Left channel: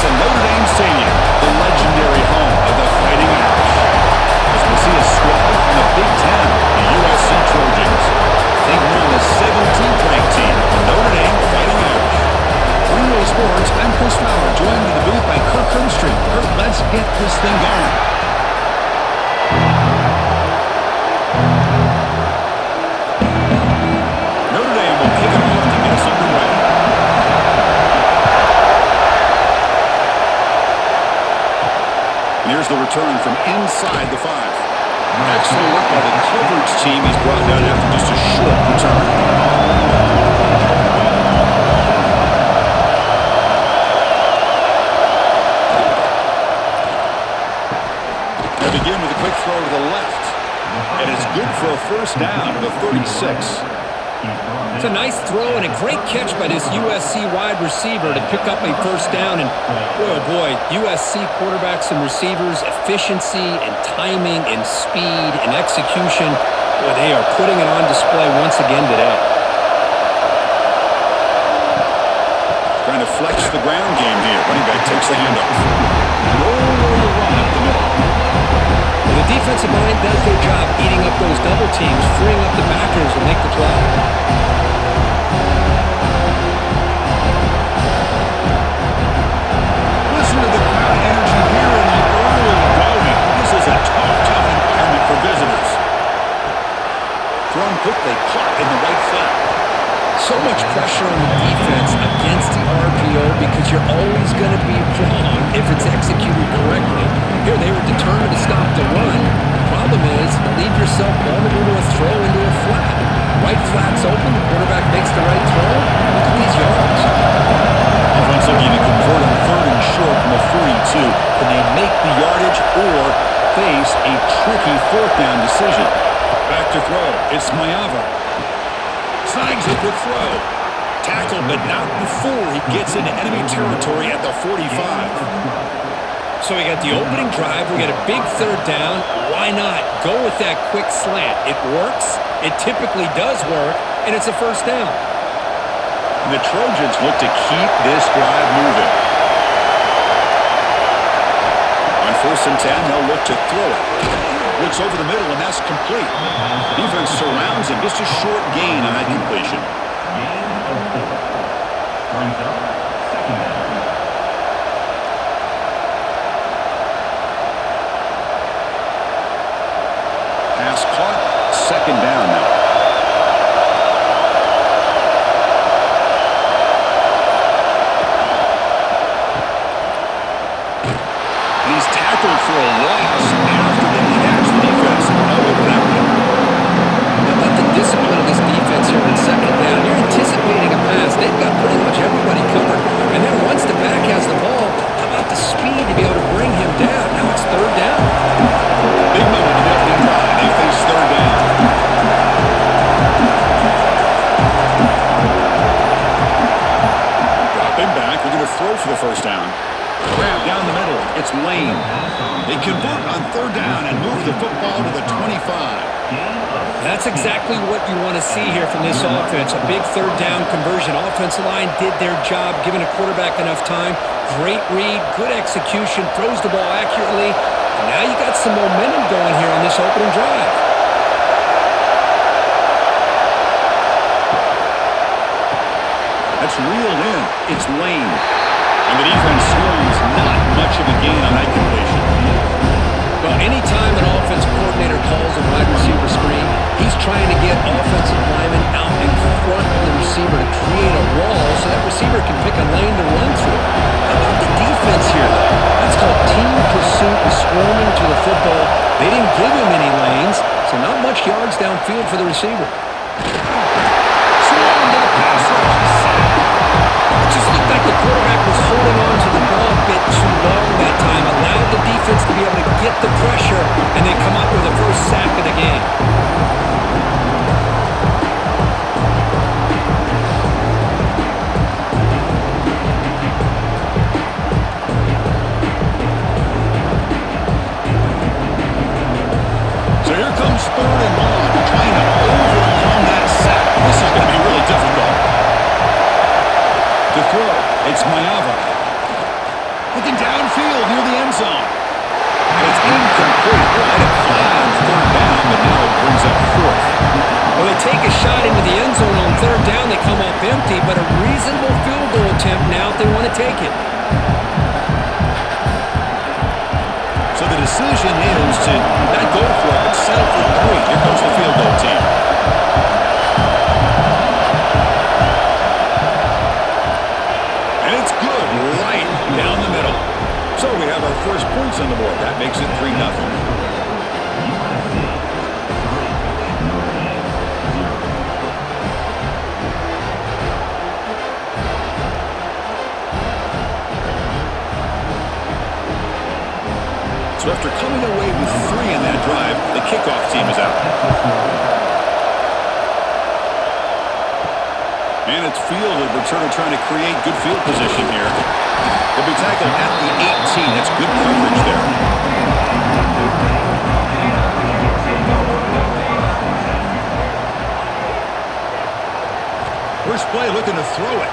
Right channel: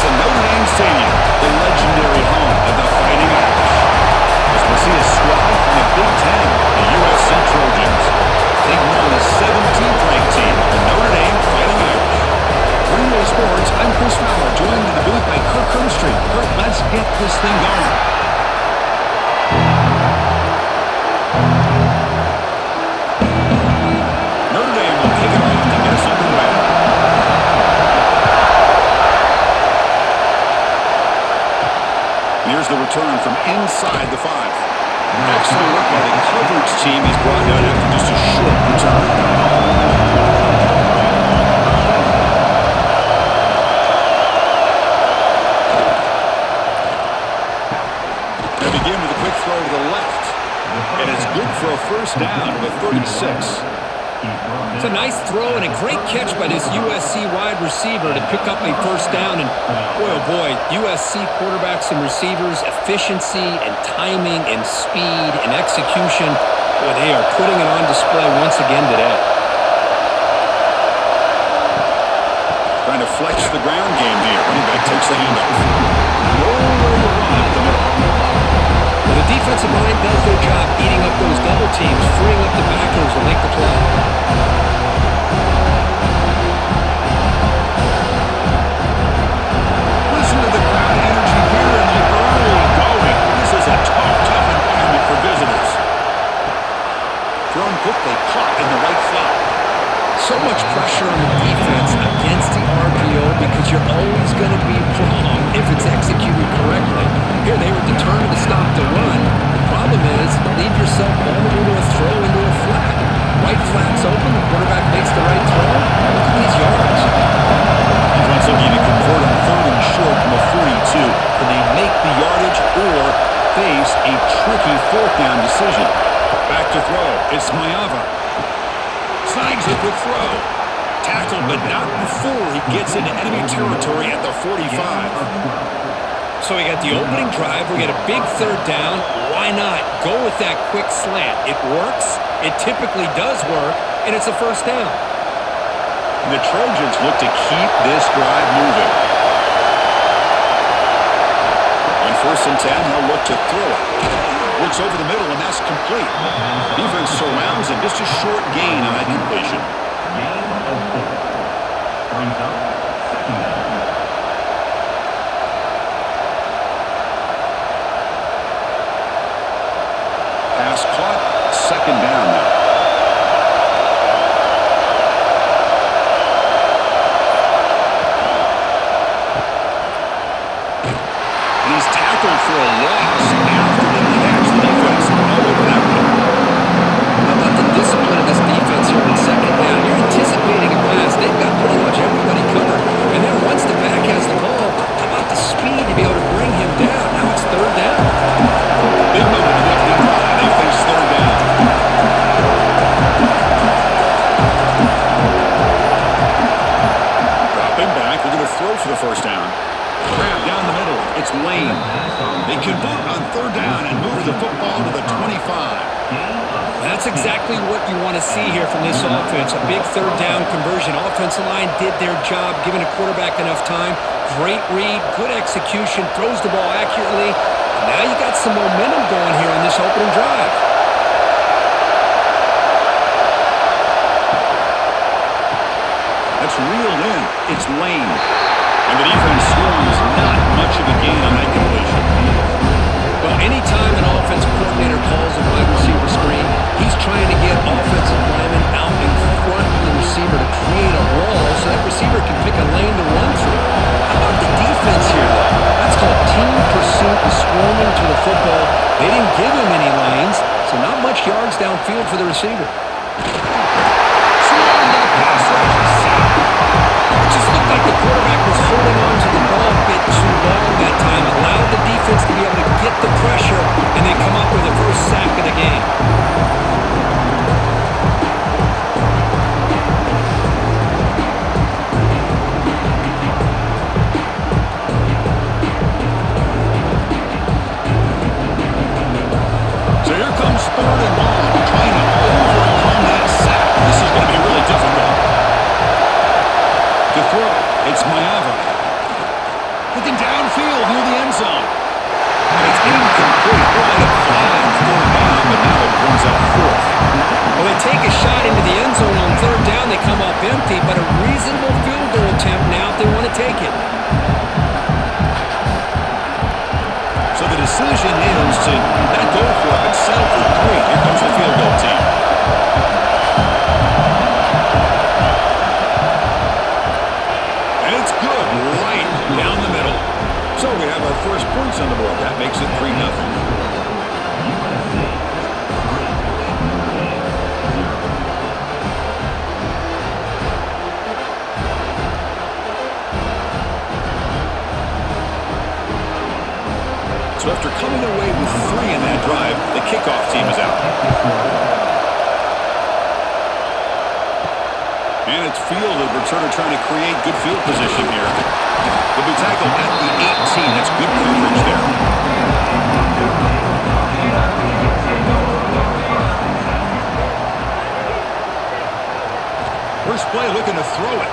to Notre Dame Stadium, the legendary home of the Fighting Irish. As we'll see a squad from the Big Ten, the USC Trojans, taking on the 17th-ranked team, the Notre Dame Fighting Irish. For EA Sports, I'm Chris Fowler, joined in the booth by Kirk Herbstreit. Kirk, let's get this thing going. Notre Dame will kick it off to get us underway. And here's the return from inside the 5. Excellent work by the coverage team. He's brought down after just a short return. They begin with a quick throw to the left. And it's good for a first down to the 36. It's a nice throw and a great catch by this USC wide receiver to pick up a first down. And boy, oh boy, USC quarterbacks and receivers, efficiency and timing and speed and execution, boy, they are putting it on display once again today. Trying to flex the ground game here. Running back takes the handoff. Nowhere to run up the middle. Well, the defensive line does their job eating up those double teams, freeing up the backers to make the play. Listen to the crowd energy here in the early going. This is a tough environment for visitors. Thrown quickly, caught in the right flat. So much pressure on the defense against the RPO because you're always going to be wrong if it's executed correctly. Here they were determined to stop the run. The problem is you leave yourself vulnerable to a throw into a flat. Right flat's open, the quarterback makes the right throw. Look at these yards. Offense looking to convert on 3rd and short from the 42. Can they make the yardage or face a tricky 4th down decision? Back to throw. It's Mayava. Snags a quick throw. Tackled, but not before he gets into enemy territory at the 45. So we got the opening drive. We got a big 3rd down. Why not go with that quick slant? It works. It typically does work, and it's a first down. And the Trojans look to keep this drive moving. On 1st and 10, they'll look to throw it. Looks over the middle, and that's complete. Defense surrounds him. Just a short gain on that completion. Gain of 4. Brings up 2nd down. Pass caught. 2nd down now. And he's tackled for a loss after the catch. The defense all over that one. How about the discipline of this defense here on 2nd down? You're anticipating a pass. They've got pretty much everybody covered. And then once the back has the ball, how about the speed to be able to bring him down? Now it's 3rd down. Big moment on the opening drive. They face 3rd down. Dropping back. They're going to throw for the first down. Grab down the middle. It's Lane. They convert on 3rd down and move the football to the 25. That's exactly what you want to see here from this offense. A big 3rd down conversion. Offensive line did their job, giving a quarterback enough time. Great read, good execution, throws the ball accurately. And now you got some momentum going here on this opening drive. That's reeled in. It's Lane. And the defense swarms. Not much of a gain on that completion. Well, anytime an offensive coordinator calls a wide receiver screen, he's trying to get offensive linemen out in front of the receiver to create a wall so that receiver can pick a lane to run through. How about the defense here, though? That's called team pursuit and swarming to the football. They didn't give him any lanes, so not much yards downfield for the receiver. Swarm to the pass rush. Sack. It just looked like the quarterback was holding on to the ball a bit too long that time, allowed the defense to be able to get the pressure, and they come up with the first sack of the game. So here comes 3rd and long, trying to overcome that sack. This is going to be really difficult. To throw, it's Mayava. Looking downfield near the end zone. And it's incomplete. They let it fly on third down, but now it brings up fourth. Well, they take a shot into the end zone on third down. They come up empty, but a reasonable field goal attempt now if they want to take it. So the decision is to not go for it, but settle for 3. Here comes the field goal team. And it's good, right down the middle. So we have our first points on the board. That makes it 3-0. USC 3, Notre Dame 0. So after coming away with 3 in that drive, the kickoff team is out. And it's fielded. Returner trying to create good field position here. They'll be tackled at the 18. That's good coverage there. First play looking to throw it.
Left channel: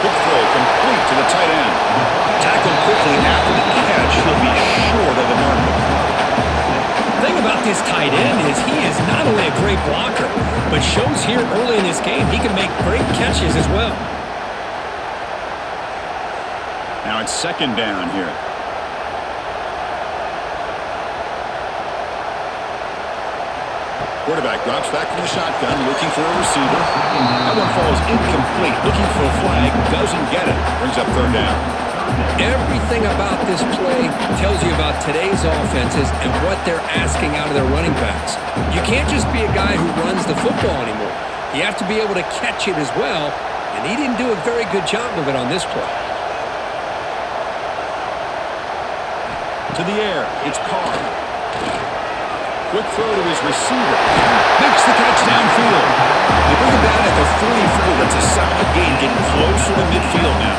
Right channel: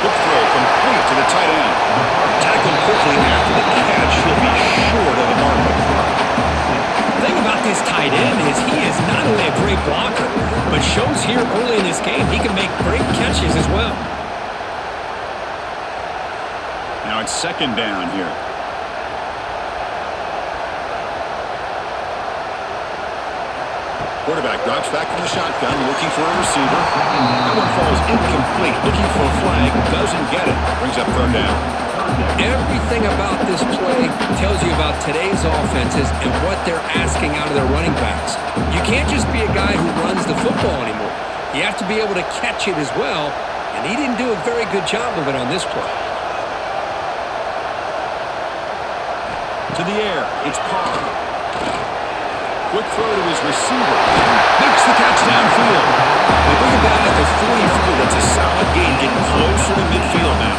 Quick throw complete to the tight end. Tackled quickly after the catch. He'll be short of the marker. The thing about this tight end is he is not only a great blocker, but shows here early in this game he can make great catches as well. Now it's second down here. Quarterback drops back from the shotgun, looking for a receiver. That one falls incomplete. Looking for a flag, doesn't get it. Brings up third down. Everything about this play tells you about today's offenses and what they're asking out of their running backs. You can't just be a guy who runs the football anymore. You have to be able to catch it as well, and he didn't do a very good job of it on this play. To the air, it's Carr. Quick throw to his receiver. Makes the catch downfield. They bring him down at the 44. That's a solid gain, getting closer to midfield now.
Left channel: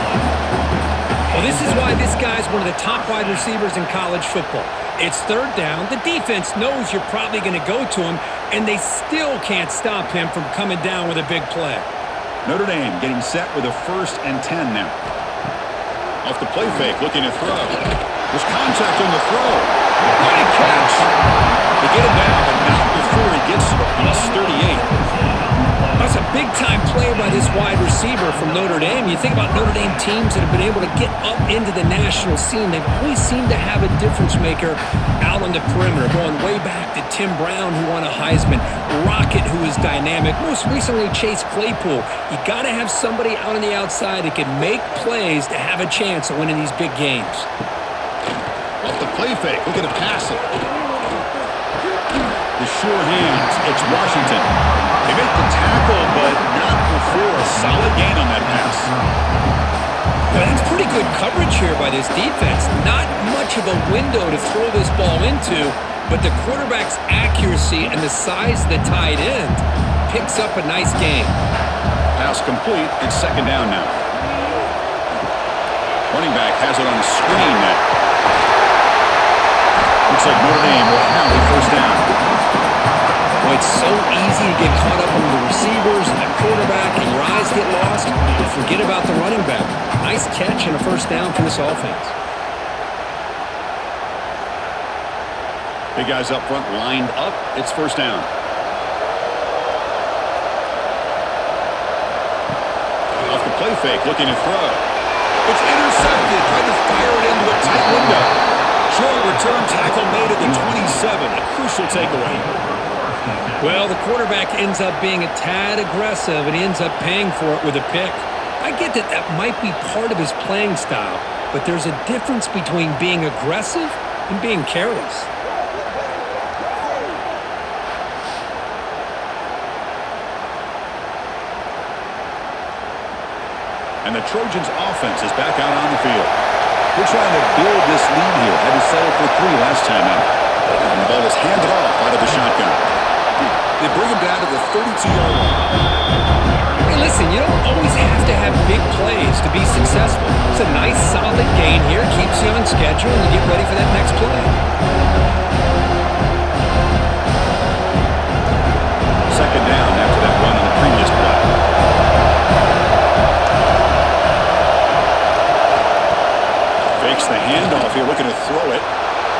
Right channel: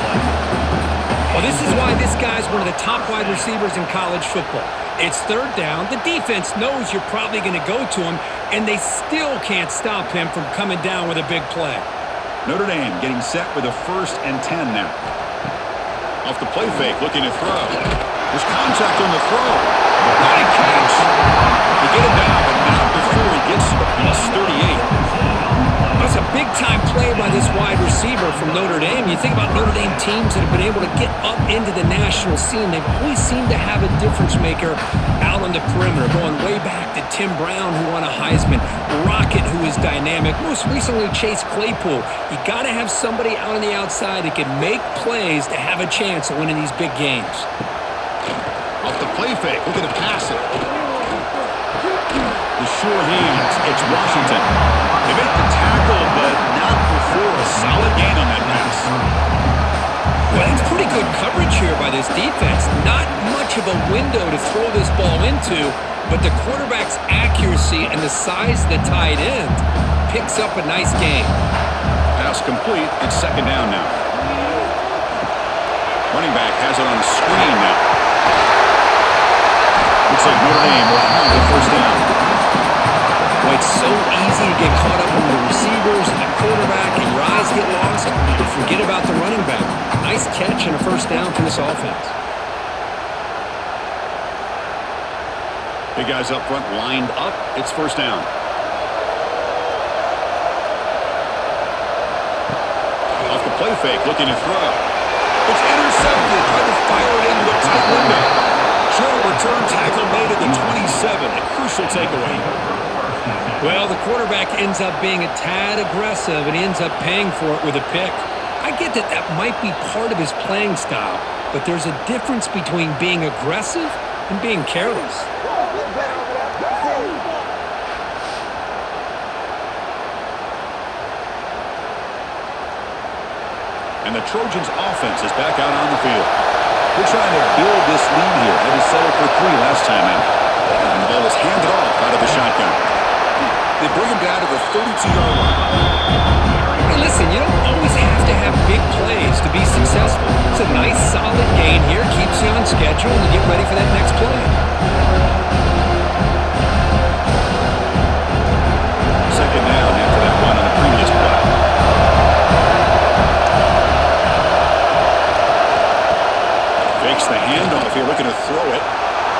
Well, this is why this guy's one of the top wide receivers in college football. It's third down. The defense knows you're probably going to go to him, and they still can't stop him from coming down with a big play. Notre Dame getting set with a 1st and 10 now. Off the play fake, looking to throw. There's contact on the throw. What a catch! They get him down, but not before he gets to the plus 38. That's a big-time play by this wide receiver from Notre Dame. You think about Notre Dame teams that have been able to get up into the national scene. They've always seemed to have a difference maker out on the perimeter, going way back to Tim Brown, who won a Heisman, Rocket, who is dynamic, most recently Chase Claypool. You got to have somebody out on the outside that can make plays to have a chance of winning these big games. Off the play fake, looking to pass it. The sure hands, it's Washington. They make the tackle, but not before a solid gain on that pass. Well, that's pretty good coverage here by this defense. Not much of a window to throw this ball into, but the quarterback's accuracy and the size of the tight end picks up a nice gain. Pass complete. It's second down now. Running back has it on a screen now. Looks like Notre Dame will have the first down. Well, it's so easy to get caught up on the receivers and the quarterback, and your eyes get lost. But forget about the running back. Nice catch and a first down for this offense. Big guys up front lined up. It's first down. Off the play fake, looking to throw. It's intercepted. Tried to fire it into a tight window. Short return tackle made at the 27. A crucial takeaway. Well, the quarterback ends up being a tad aggressive, and he ends up paying for it with a pick. I get that that might be part of his playing style, but there's a difference between being aggressive and being careless. And the Trojans' offense is back out on the field. They're trying to build this lead here. Had to settle for 3 last time out. And the ball is handed off out of the shotgun. They bring him down to the 32-yard line. Hey, listen, you don't always have to have big plays to be successful. It's a nice, solid gain here. Keeps you on schedule, and you get ready for that next play. Second down after that run on the previous play. Fakes the handoff here, looking to throw it.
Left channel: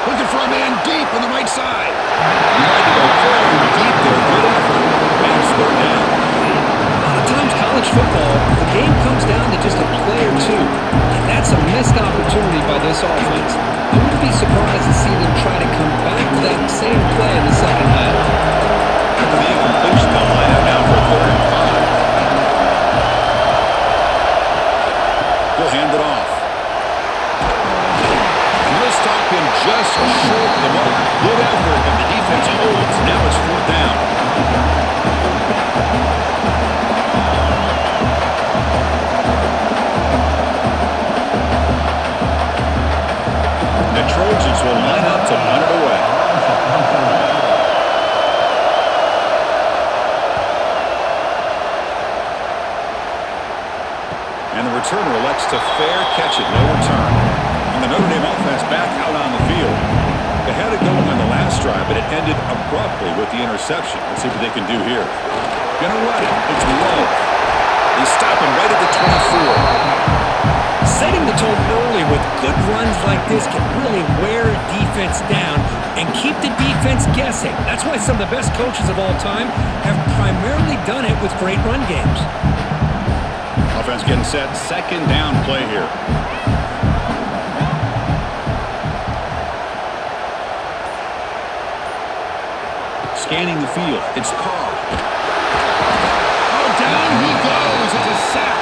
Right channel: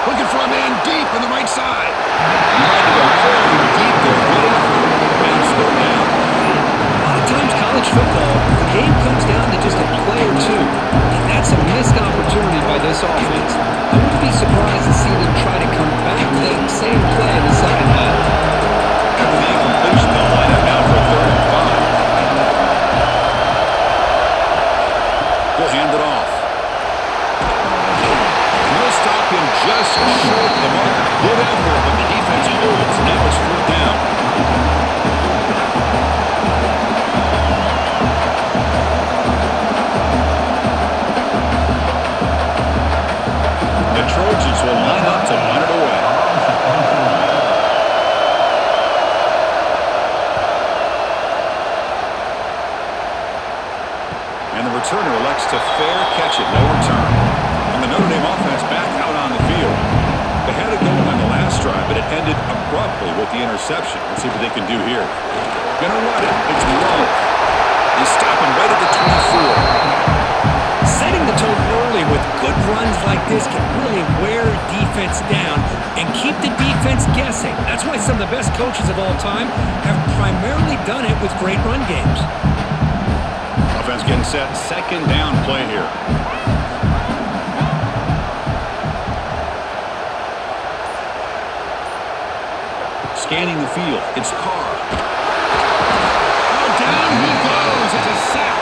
Looking for a man deep on the right side. Tried to go very deep there. Good effort. Now it's third down. A lot of times college football, the game comes down to just a play or two. And that's a missed opportunity by this offense. I wouldn't be surprised to see them try to come back to that same play in the second half. After the incompletion, they'll line up now for a 3rd and 5. He'll hand it off. And they'll stop him just short of the marker. Good effort, but the defense holds. Now it's 4th down. The Trojans will line up to punt it away. And the returner elects to fair catch it. No return. And the Notre Dame offense back out on the field. They had it going on the last drive, but it ended abruptly with the interception. Let's see what they can do here. Gonna run it. It's low. They stop him right at the 24. Setting the tone early with good runs like this can really wear a defense down and keep the defense guessing. That's why some of the best coaches of all time have primarily done it with great run games. Offense getting set. 2nd down play here. Scanning the field. It's Carr. Oh, down he goes. It's a sack.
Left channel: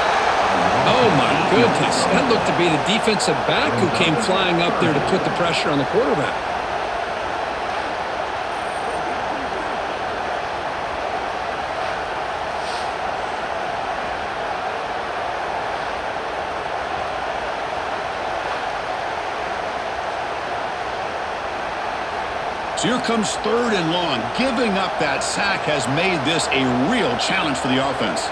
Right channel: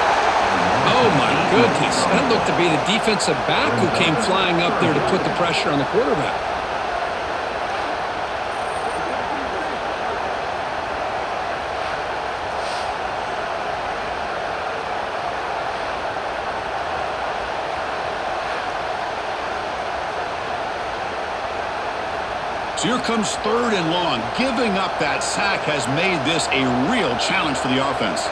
Oh, my goodness. That looked to be the defensive back who came flying up there to put the pressure on the quarterback. So here comes 3rd and long. Giving up that sack has made this a real challenge for the offense.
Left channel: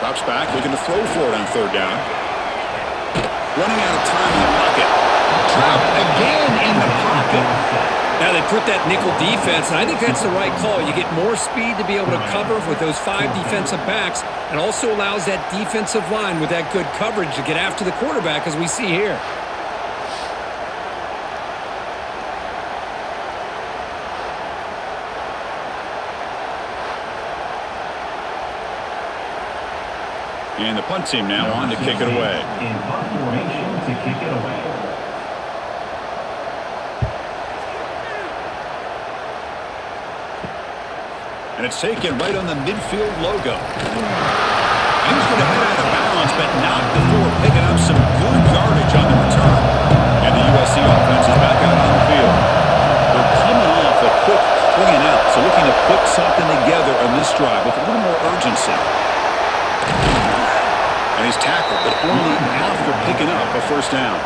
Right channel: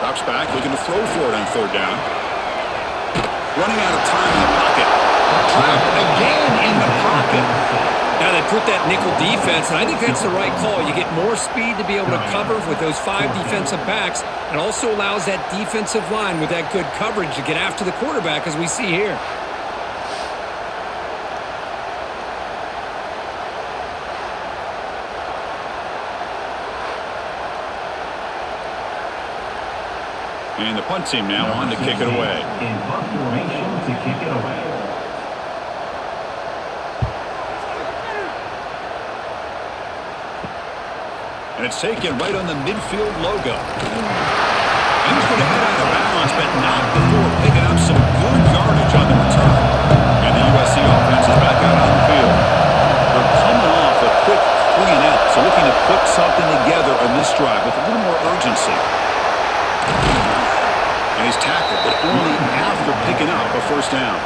Drops back, looking to throw for it on 3rd down. Running out of time in the pocket. Trapped again in the pocket. Now they put that nickel defense, and I think that's the right call. You get more speed to be able to cover with those 5 defensive backs, and also allows that defensive line with that good coverage to get after the quarterback, as we see here. And the punt team now on to kick it away. In punt formation to kick it away. And it's taken right on the midfield logo. And he's going to head out of bounds, but not before picking up some good yardage on the return. And the USC offense is back out on the field. They're coming off a quick 3 and out, so looking to put something together on this drive with a little more urgency. And he's tackled, but only after picking up a 1st down.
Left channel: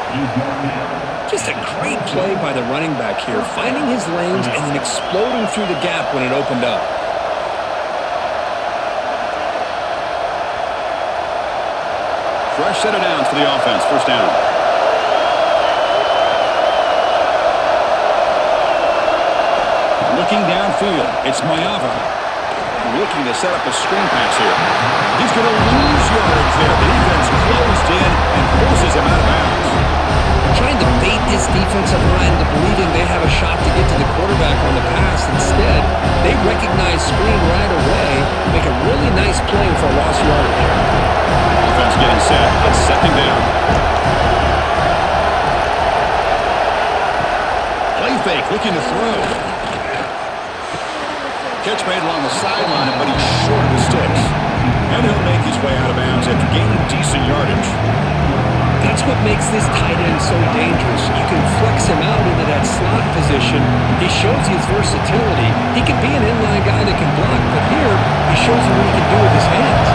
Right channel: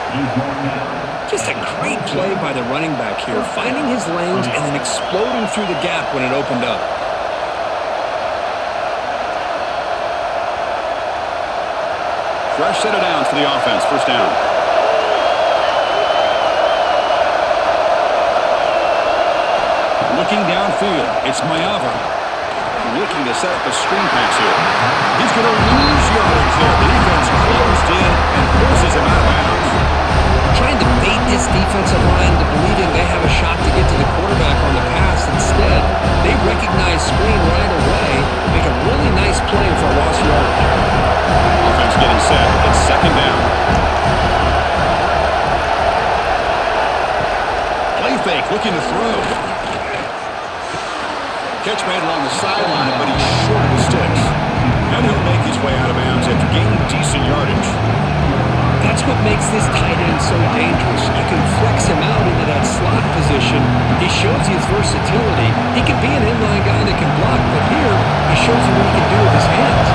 Just a great play by the running back here, finding his lanes and then exploding through the gap when it opened up. Fresh set of downs for the offense. 1st down. Looking downfield, it's Mayava. Looking to set up a screen pass here. He's going to lose yardage there. The defense closed in and forces him out of bounds. Trying to bait this defensive line into believing they have a shot to get to the quarterback on the pass. Instead, they recognize screen right away, make a really nice play for a lost yardage. Offense getting set. It's 2nd down. Play fake, looking to throw. Catch made along the sideline, but he's short of the sticks. And he'll make his way out of bounds after gaining decent yardage. That's what makes this tight end so dangerous. You can flex him out into that slot position. He shows you his versatility. He can be an inline guy that can block, but here he shows you what he can do with his hands.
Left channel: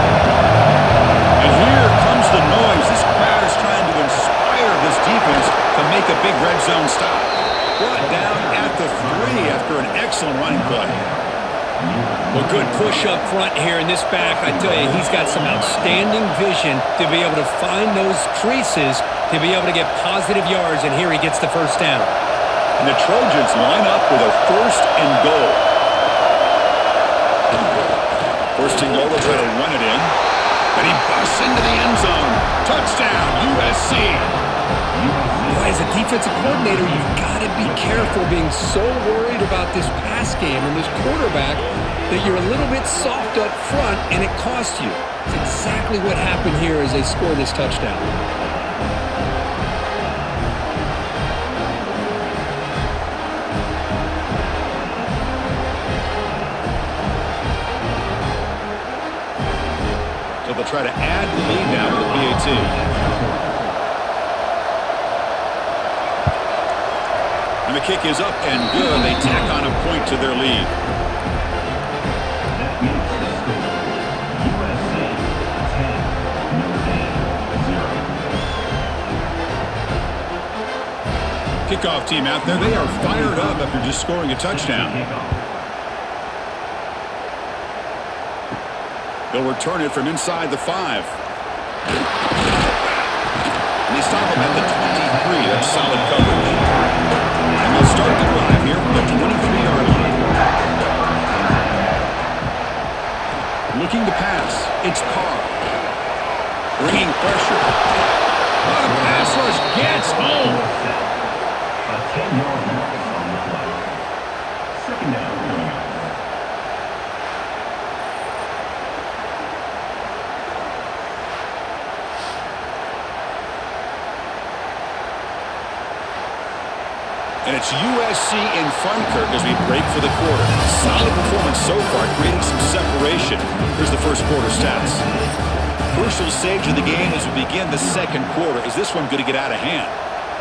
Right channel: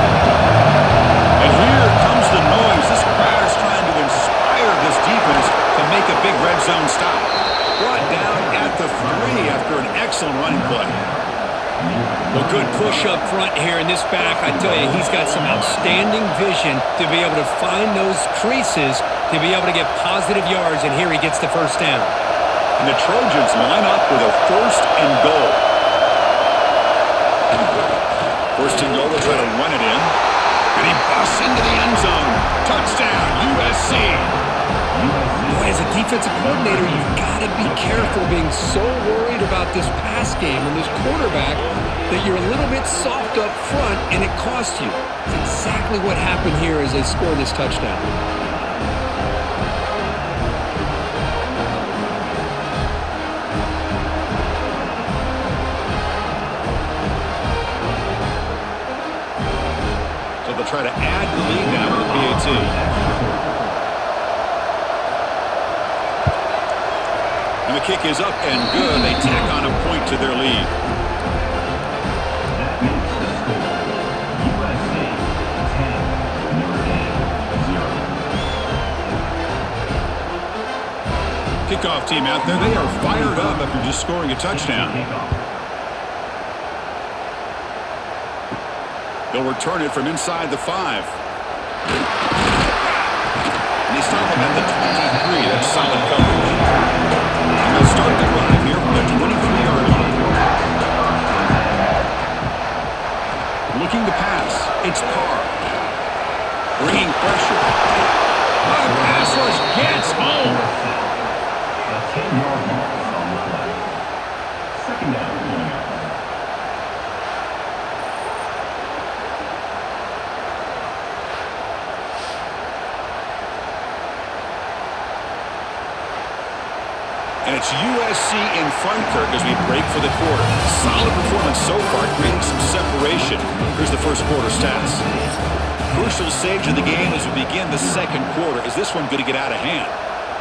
And here comes the noise. This crowd is trying to inspire this defense to make a big red zone stop. Brought down at the 3 after an excellent running play. Well, good push up front here in this back. I tell you, he's got some outstanding vision to be able to find those creases, to be able to get positive yards, and here he gets the 1st down. And the Trojans line up with a 1st and goal. First and goal, they'll try to run it in. And he busts into the end zone. Touchdown, USC. Boy, as a defensive coordinator, you've got to be careful being so worried about this pass game and this quarterback that you're a little bit soft up front and it costs you. It's exactly what happened here as they score this touchdown. So they'll try to add to the lead now with the PAT. And the kick is up and good. They tack on a point to their lead. That makes the score USC 10, Notre Dame 0. Kickoff team out there. They are fired up after just scoring a touchdown. They'll return it from inside the 5. And they stop him at the 23. That's solid coverage. And they'll start the drive here from the 23-yard line. Looking to pass. It's Carr. Bringing pressure. Oh, the pass rush gets home. A 10-yard loss on the play. Second down coming up. And it's USC in front, Kirk, as we break for the quarter. Solid performance so far, creating some separation. Here's the first quarter stats. Crucial stage of the game as we begin the second quarter. Is this one going to get out of hand?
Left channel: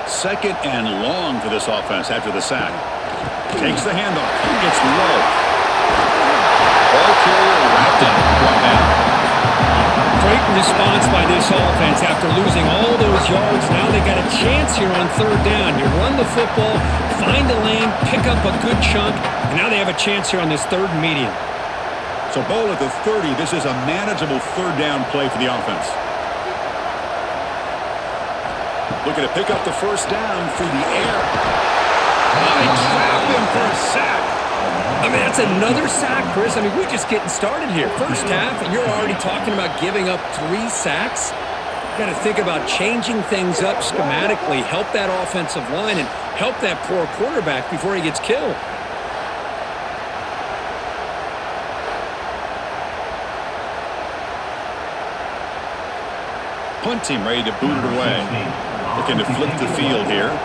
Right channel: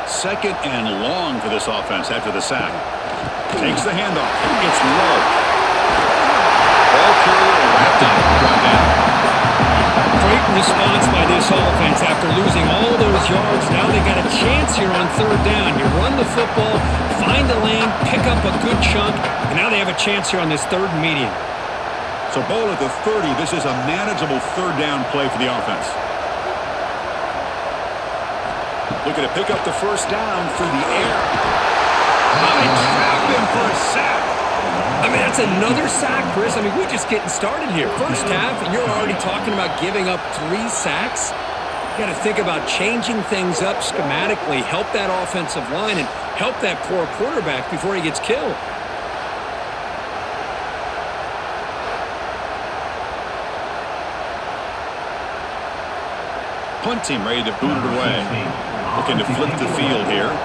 Second and long for this offense after the sack. Takes the handoff. It's low. Ball carrier wrapped up. One down. Great response by this offense after losing all those yards. Now they got a chance here on third down. You run the football, find a lane, pick up a good chunk, and now they have a chance here on this third and medium. So ball at the 30. This is a manageable third down play for the offense. Looking to pick up the first down through the air. Oh, they trap him for a sack. I mean, that's another sack, Chris. I mean, we're just getting started here. First half, and you're already talking about giving up 3 sacks. You got to think about changing things up schematically, help that offensive line, and help that poor quarterback before he gets killed. Punt team ready to boot it away. Looking to flip the field here.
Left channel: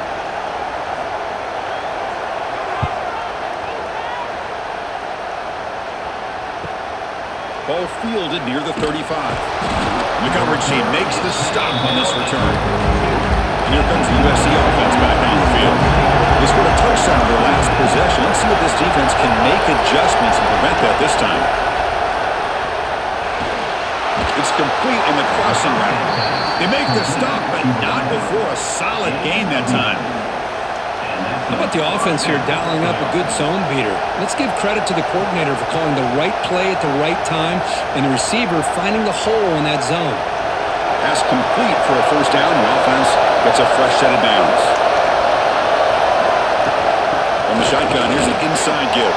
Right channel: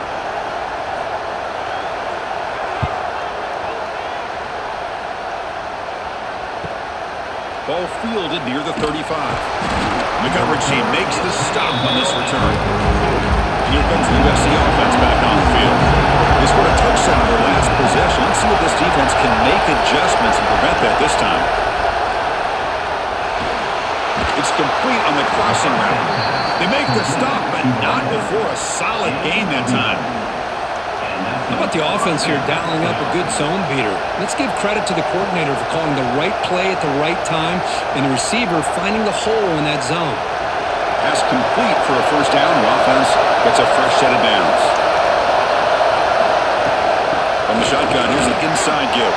Ball fielded near the 35. The coverage team makes the stop on this return. And here comes the USC offense back on the field. They scored a touchdown in their last possession. Let's see if this defense can make adjustments and prevent that this time. It's complete on the crossing route. They make the stop, but not before a solid gain that time. How about the offense here dialing up a good zone beater? Let's give credit to the coordinator for calling the right play at the right time and the receiver finding the hole in that zone. Pass complete for a first down. The offense gets a fresh set of downs. From the shotgun, here's an inside give.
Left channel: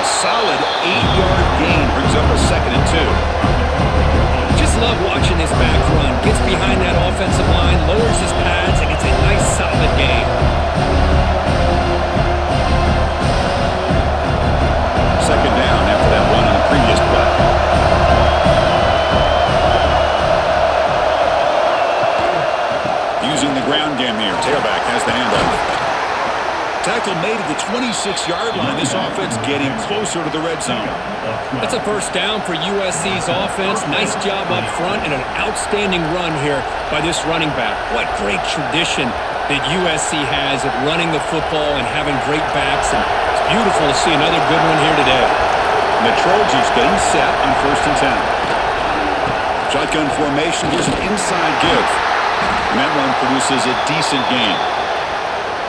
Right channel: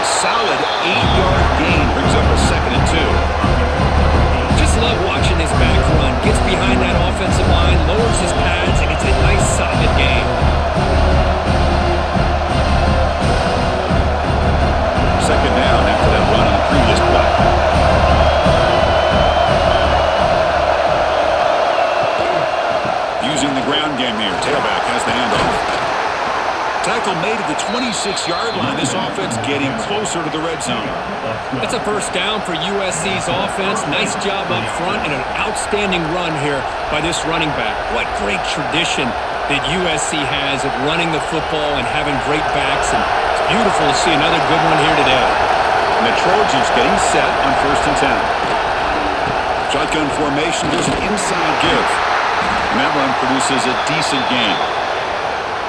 A solid 8-yard gain brings up a 2nd and 2. Just love watching this back run. Gets behind that offensive line, lowers his pads, and gets a nice solid gain. Second down after that run on the previous play. Using the ground game here. Tailback has the handoff. Tackle made at the 26-yard line. This offense getting closer to the red zone. That's a first down for USC's offense. Nice job up front and an outstanding run here by this running back. What great tradition that USC has at running the football and having great backs. And it's beautiful to see another good one here today. And the Trojans getting set on 1st and 10. Shotgun formation. Here's an inside give. And that run produces a decent gain.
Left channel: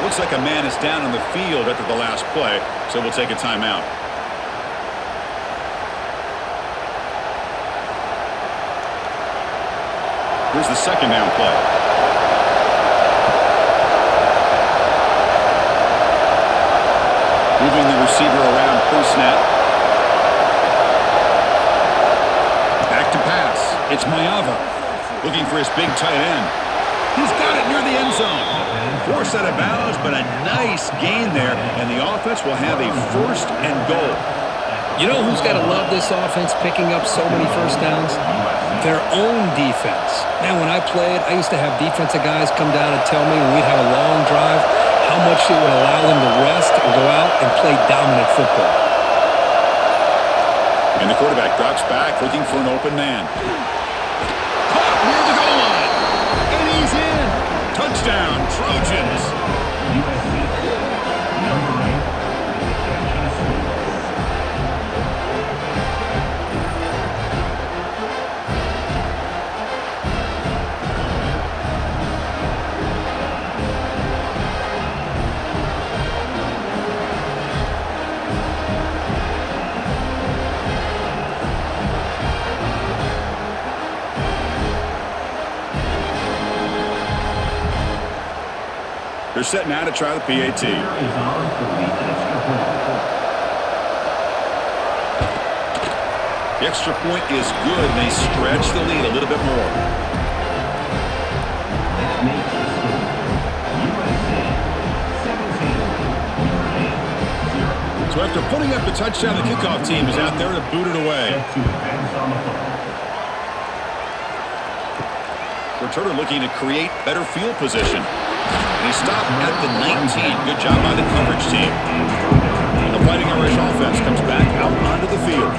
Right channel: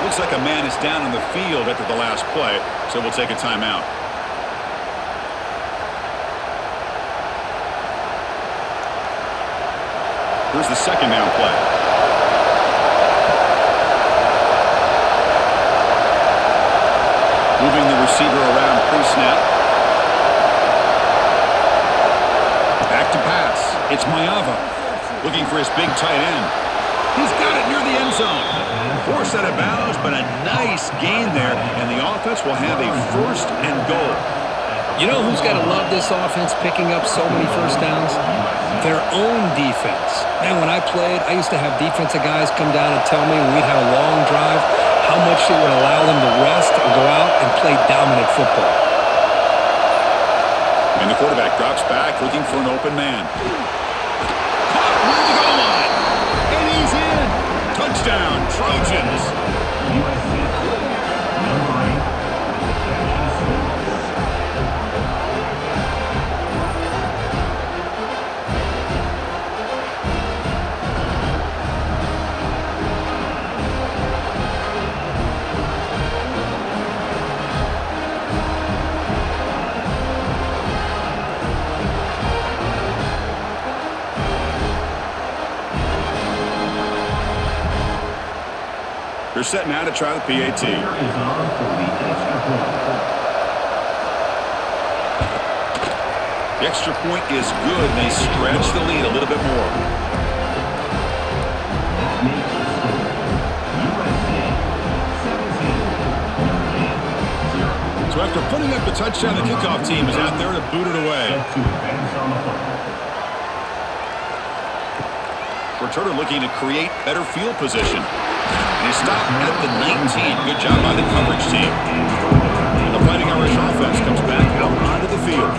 Looks like a man is down on the field after the last play, so we'll take a timeout. Here's the second down play. Moving the receiver around pre-snap. Back to pass. It's Mayava. Looking for his big tight end. He's got it near the end zone. Forced out of bounds, but a nice gain there, and the offense will have a 1st and goal. You know who's got to love this offense picking up so many first downs? Their own defense. Man, when I played, I used to have defensive guys come down and tell me when we'd have a long drive how much it would allow them to rest and go out and play dominant football. And the quarterback drops back looking for an open man. Caught near the goal line. And he's in. Touchdown, Trojans. USC, number 8, with the catch and scores. They're set now to try the PAT. Here is on for the extra point. The extra point is good, and they stretch the lead a little bit more. That makes the score USC 17, Notre Dame 0. So after putting up the touchdown, the kickoff team is out there to boot it away. Set to advance on the football. Returner looking to create better field position. And he stopped at the 19. Good job by the coverage team. And the Fighting Irish offense comes back out onto the field.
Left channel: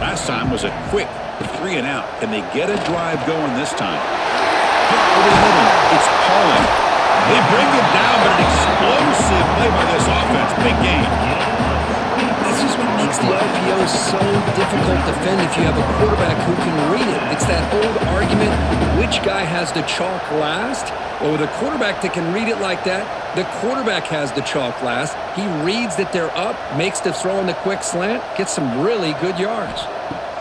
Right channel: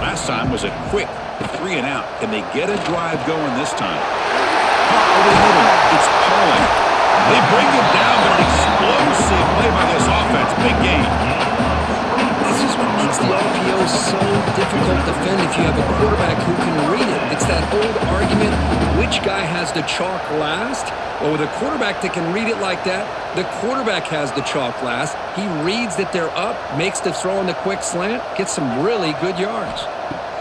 Last time was a quick 3 and out. Can they get a drive going this time? Caught over the middle. It's Pauling. They bring him down, but an explosive play by this offense. Big gain. This is what makes the RPO so difficult to defend if you have a quarterback who can read it. It's that old argument, which guy has the chalk last? Well, with a quarterback that can read it like that, the quarterback has the chalk last. He reads that they're up, makes the throw in the quick slant, gets some really good yards.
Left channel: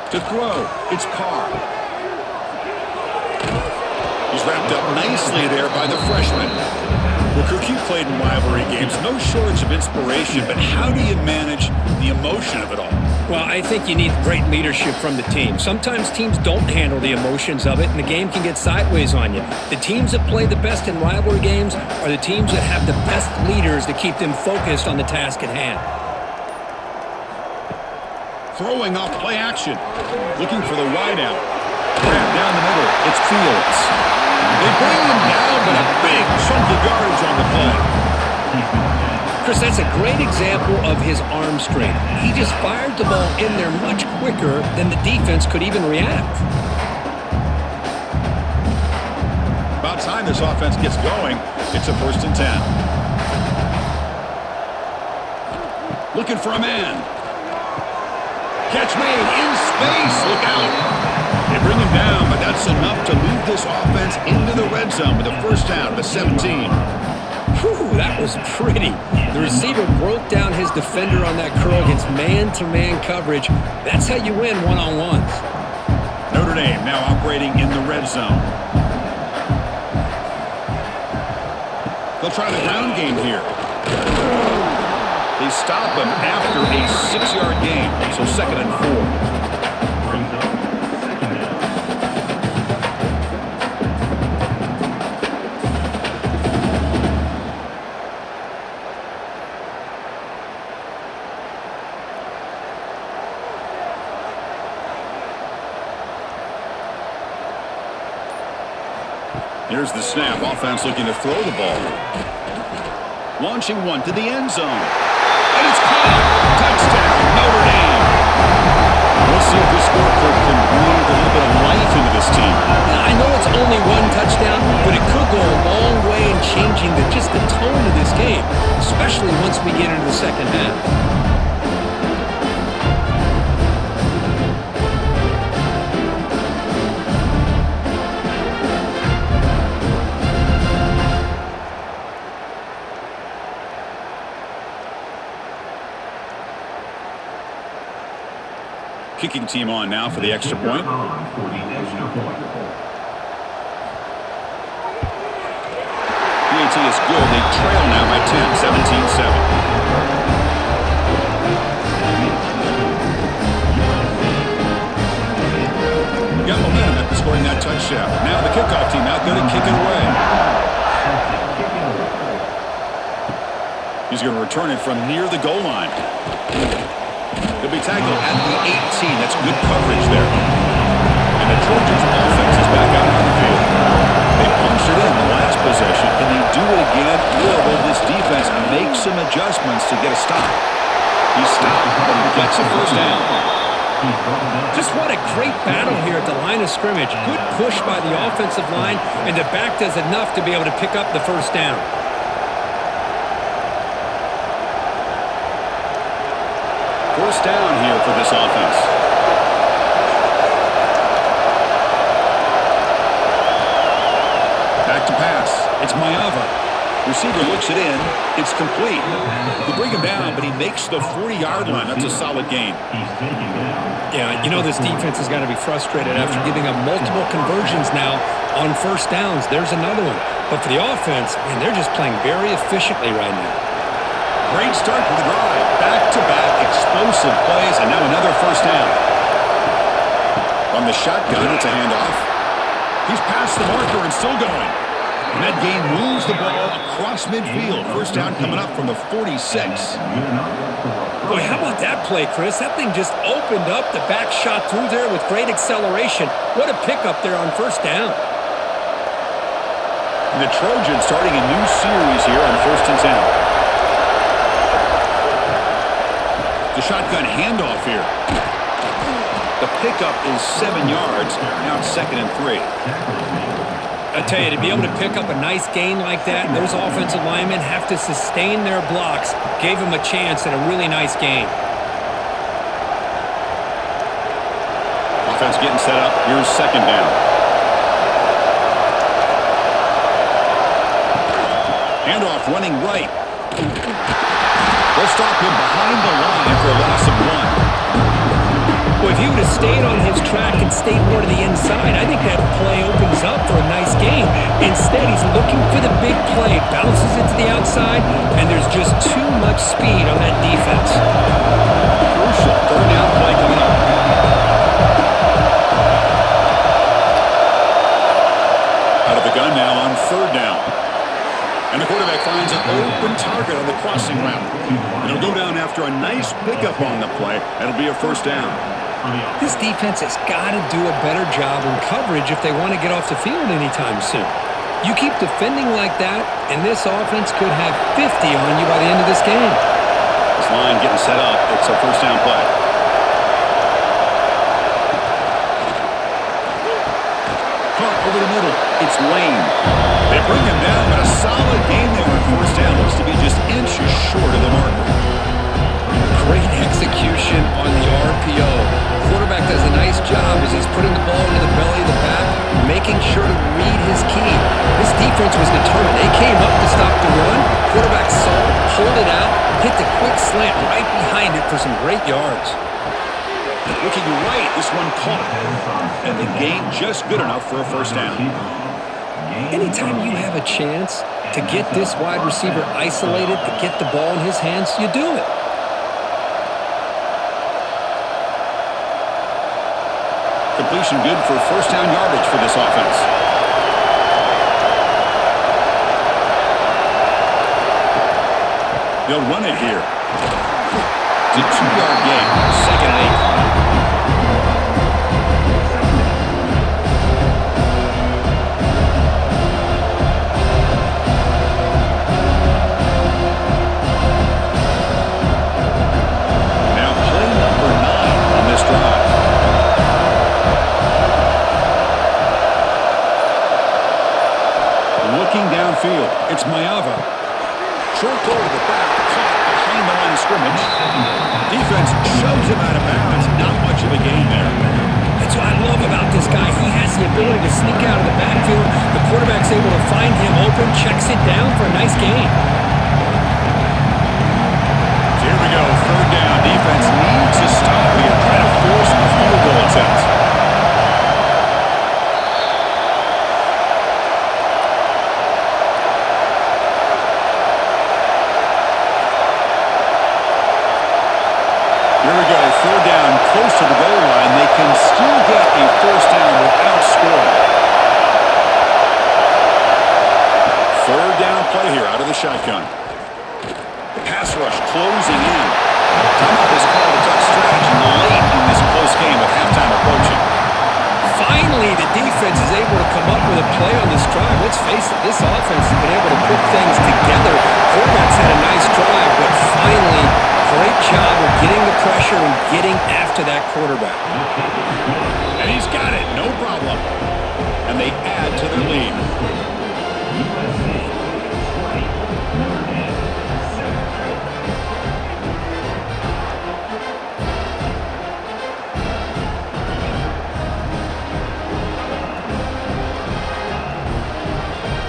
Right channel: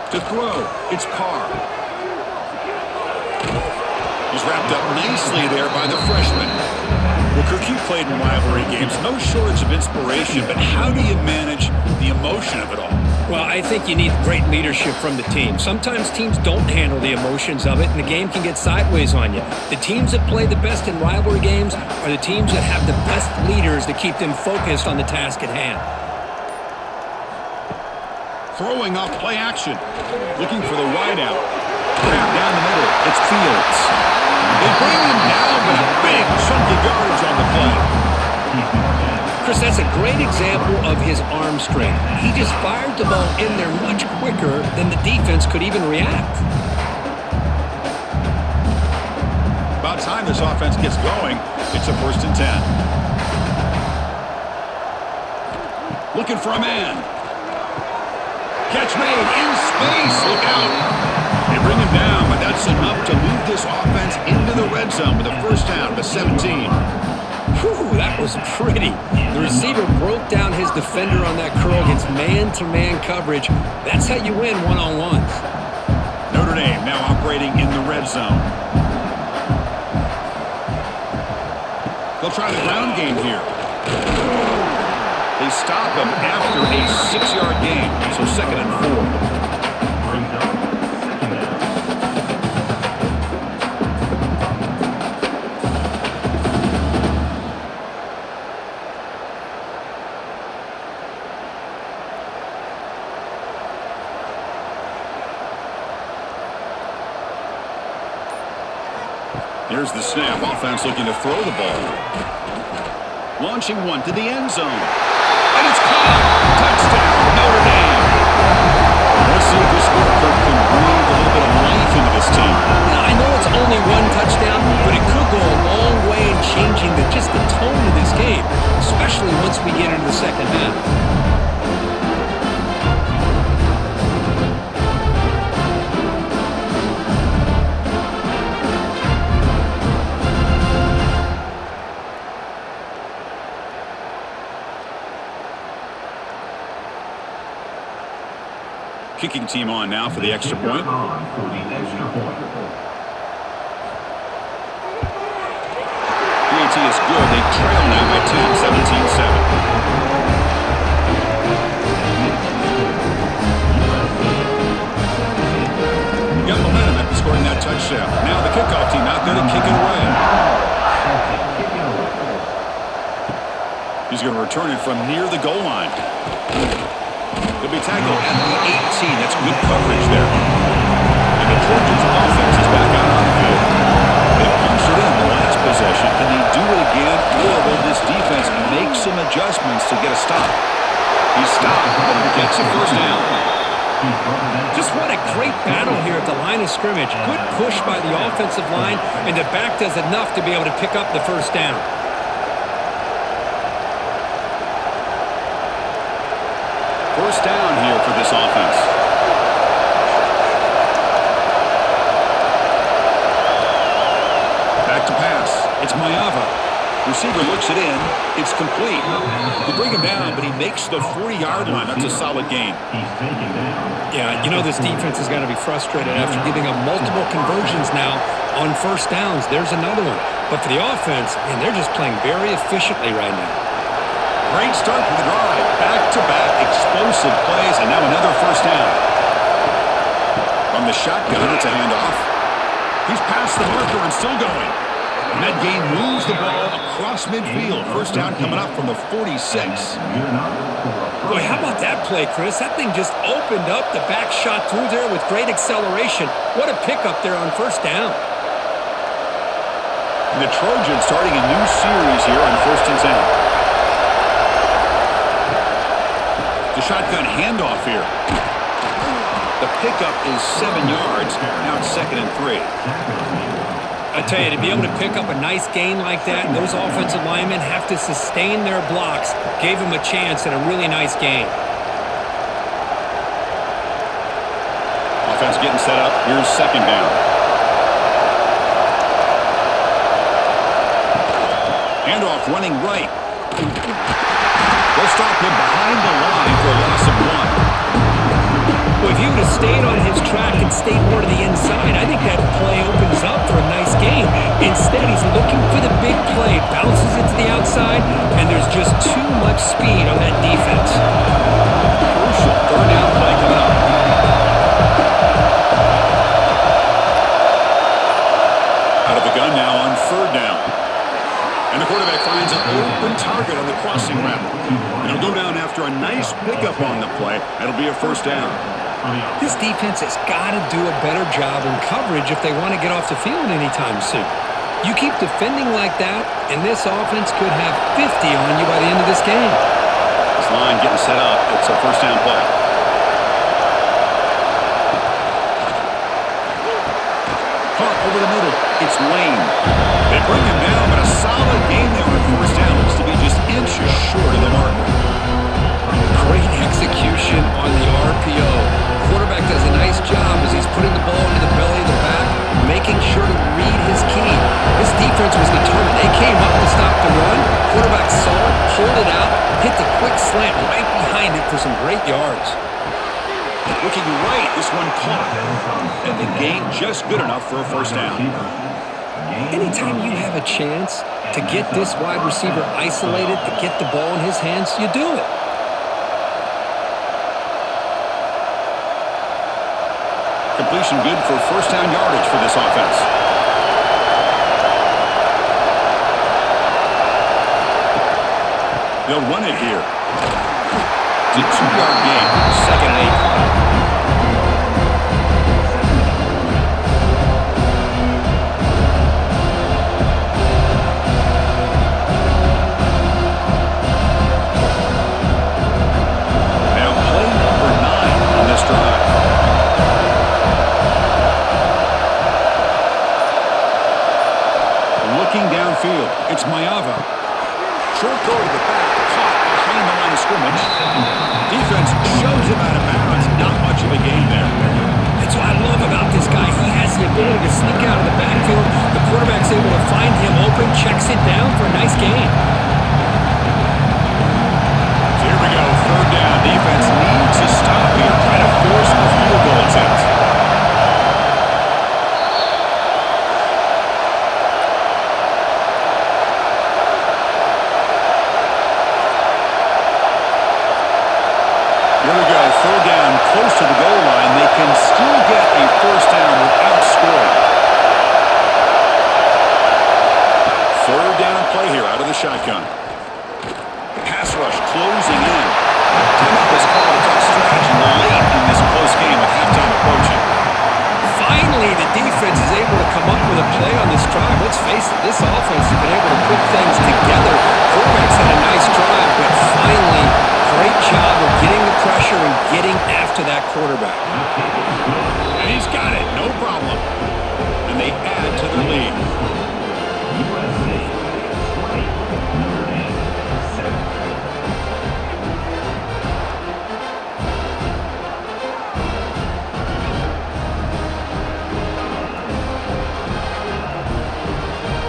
To throw, it's Carr. He's wrapped up nicely there by the freshman. Well, Kirk, you played in rivalry games. No shortage of inspiration, but how do you manage the emotion of it all? Well, I think you need great leadership from the team. Sometimes teams don't handle the emotions of it, and the game can get sideways on you. The teams that play the best in rivalry games are the teams that have the best leaders to keep them focused on the task at hand. Throwing off play action. Looking for the wideout. Grab down the middle. It's Fields. They bring him down, but a big chunk of yardage on the play. Chris, that's a great example of his arm strength. He just fired the ball in there much quicker than the defense could even react. About time this offense gets going. It's a 1st and 10. Looking for a man. Catch made in space. Look out. They bring him down, but that's enough to move this offense into the red zone with a 1st down, but 17. Whew, that was pretty. The receiver broke down his defender on that curl against man-to-man coverage. That's how you win one-on-ones. Notre Dame now operating in the red zone. They'll try the ground game here. They stop him after a 6-yard gain, so 2nd and 4. Brings up 2nd down. Here's the snap. Offense looking to throw the ball. Launching one to the end zone. And it's caught. Touchdown, Notre Dame. Let's see if this score, Kirk, can breathe a little bit of life into this team. Yeah, I know it's only 1 touchdown, but it could go a long way in changing just the tone of this game, especially once we get into the second half. Kicking team on now for the extra point. For the extra point. PAT is good. They trail now by 10, 17-7. That makes the score USC 17, scoring that touchdown. Now the kickoff team out there to kick it away. He's going to return it from near the goal line. He'll be tackled at the 18. That's good coverage there. And the Trojans' offense is back out on the field. They punched it in the last possession. Can they do it again, or will this defense make some adjustments to get a stop? He stopped, but he gets a first down. Just what a great battle here at the line of scrimmage. Good push by the offensive line, and the back does enough to be able to pick up the first down. First down here for this offense. Back to pass. It's Mayava. Receiver looks it in. It's complete. They bring him down, but he makes the 40-yard line. That's a solid gain. Yeah, you know this defense has got to be frustrated after giving up multiple conversions now on first downs. There's another one. But for the offense, man, they're just playing very efficiently right now. Great start to the drive. Back-to-back explosive plays, and now another first down. From the shotgun, it's a handoff. He's past the marker and still going. And that gain moves the ball across midfield. First down coming up from the 46. Boy, how about that play, Chris? That thing just opened up. The back shot through there with great acceleration. What a pickup there on first down. And the Trojans starting a new series here on 1st and 10. The shotgun handoff here. The pickup is 7 yards. Now it's 2nd and 3. I tell you, to be able to pick up a nice gain like that, those offensive linemen have to sustain their blocks. Gave them a chance at a really nice gain. Offense getting set up. Here's 2nd down. Handoff running right. They'll stop him behind the line for a loss of 1. Well, if he would have stayed on his track and stayed more to the inside, I think that play opens up for a nice gain. Instead, he's looking for the big play, bounces it to the outside, and there's just too much speed on that defense. Crucial 3rd down play coming up. Out of the gun now on 3rd down. And the quarterback finds an open target on the crossing route. It'll go down after a nice pickup on the play. It'll be a first down. This defense has got to do a better job in coverage if they want to get off the field anytime soon. You keep defending like that, and this offense could have 50 on you by the end of this game. This line getting set up. It's a first down play. Caught over the middle. It's Lane. They bring him down, but a solid gain there on first down. Looks to be just inches short of the marker. Great execution on the RPO. Quarterback does a nice job as he's putting the ball into the belly of the back, making sure to read his key. This defense was determined. They came up to stop the run. Quarterback saw it, pulled it out, hit the quick slant right behind it for some great yards. Looking right, this one caught. And the gain just good enough for a first down. Anytime you have a chance to get this wide receiver isolated, to get the ball in his hands, you do it. Completion good for first down yardage for this offense. They'll run it here. It's a 2-yard gain. 2nd and 8 coming up. Now play number 9 on this drive. Looking downfield, it's Mayava. Short throw to the back, caught behind the line of scrimmage. Defense shoves him out of bounds. Not much of a gain there. That's what I love about this guy. He has the ability to sneak out of the backfield. The quarterback's able to find him open, checks it down for a nice gain. So here we go, 3rd down. Defense needs to stop here, try to force a field goal attempt. Here we go, third down close to the goal line. They can still get a first down without scoring. Third down play here out of the shotgun. The pass rush closing in. Timeout is called to talk strategy late in this close game with halftime approaching. Finally, the defense is able to come up with a play on this drive. Let's face it, this offense has been able to put things together. Quarterback's had a nice drive, but finally, great job of getting the pressure and getting after that quarterback. And he's got it, no problem. And they add to their lead. USC 20, Notre Dame 7.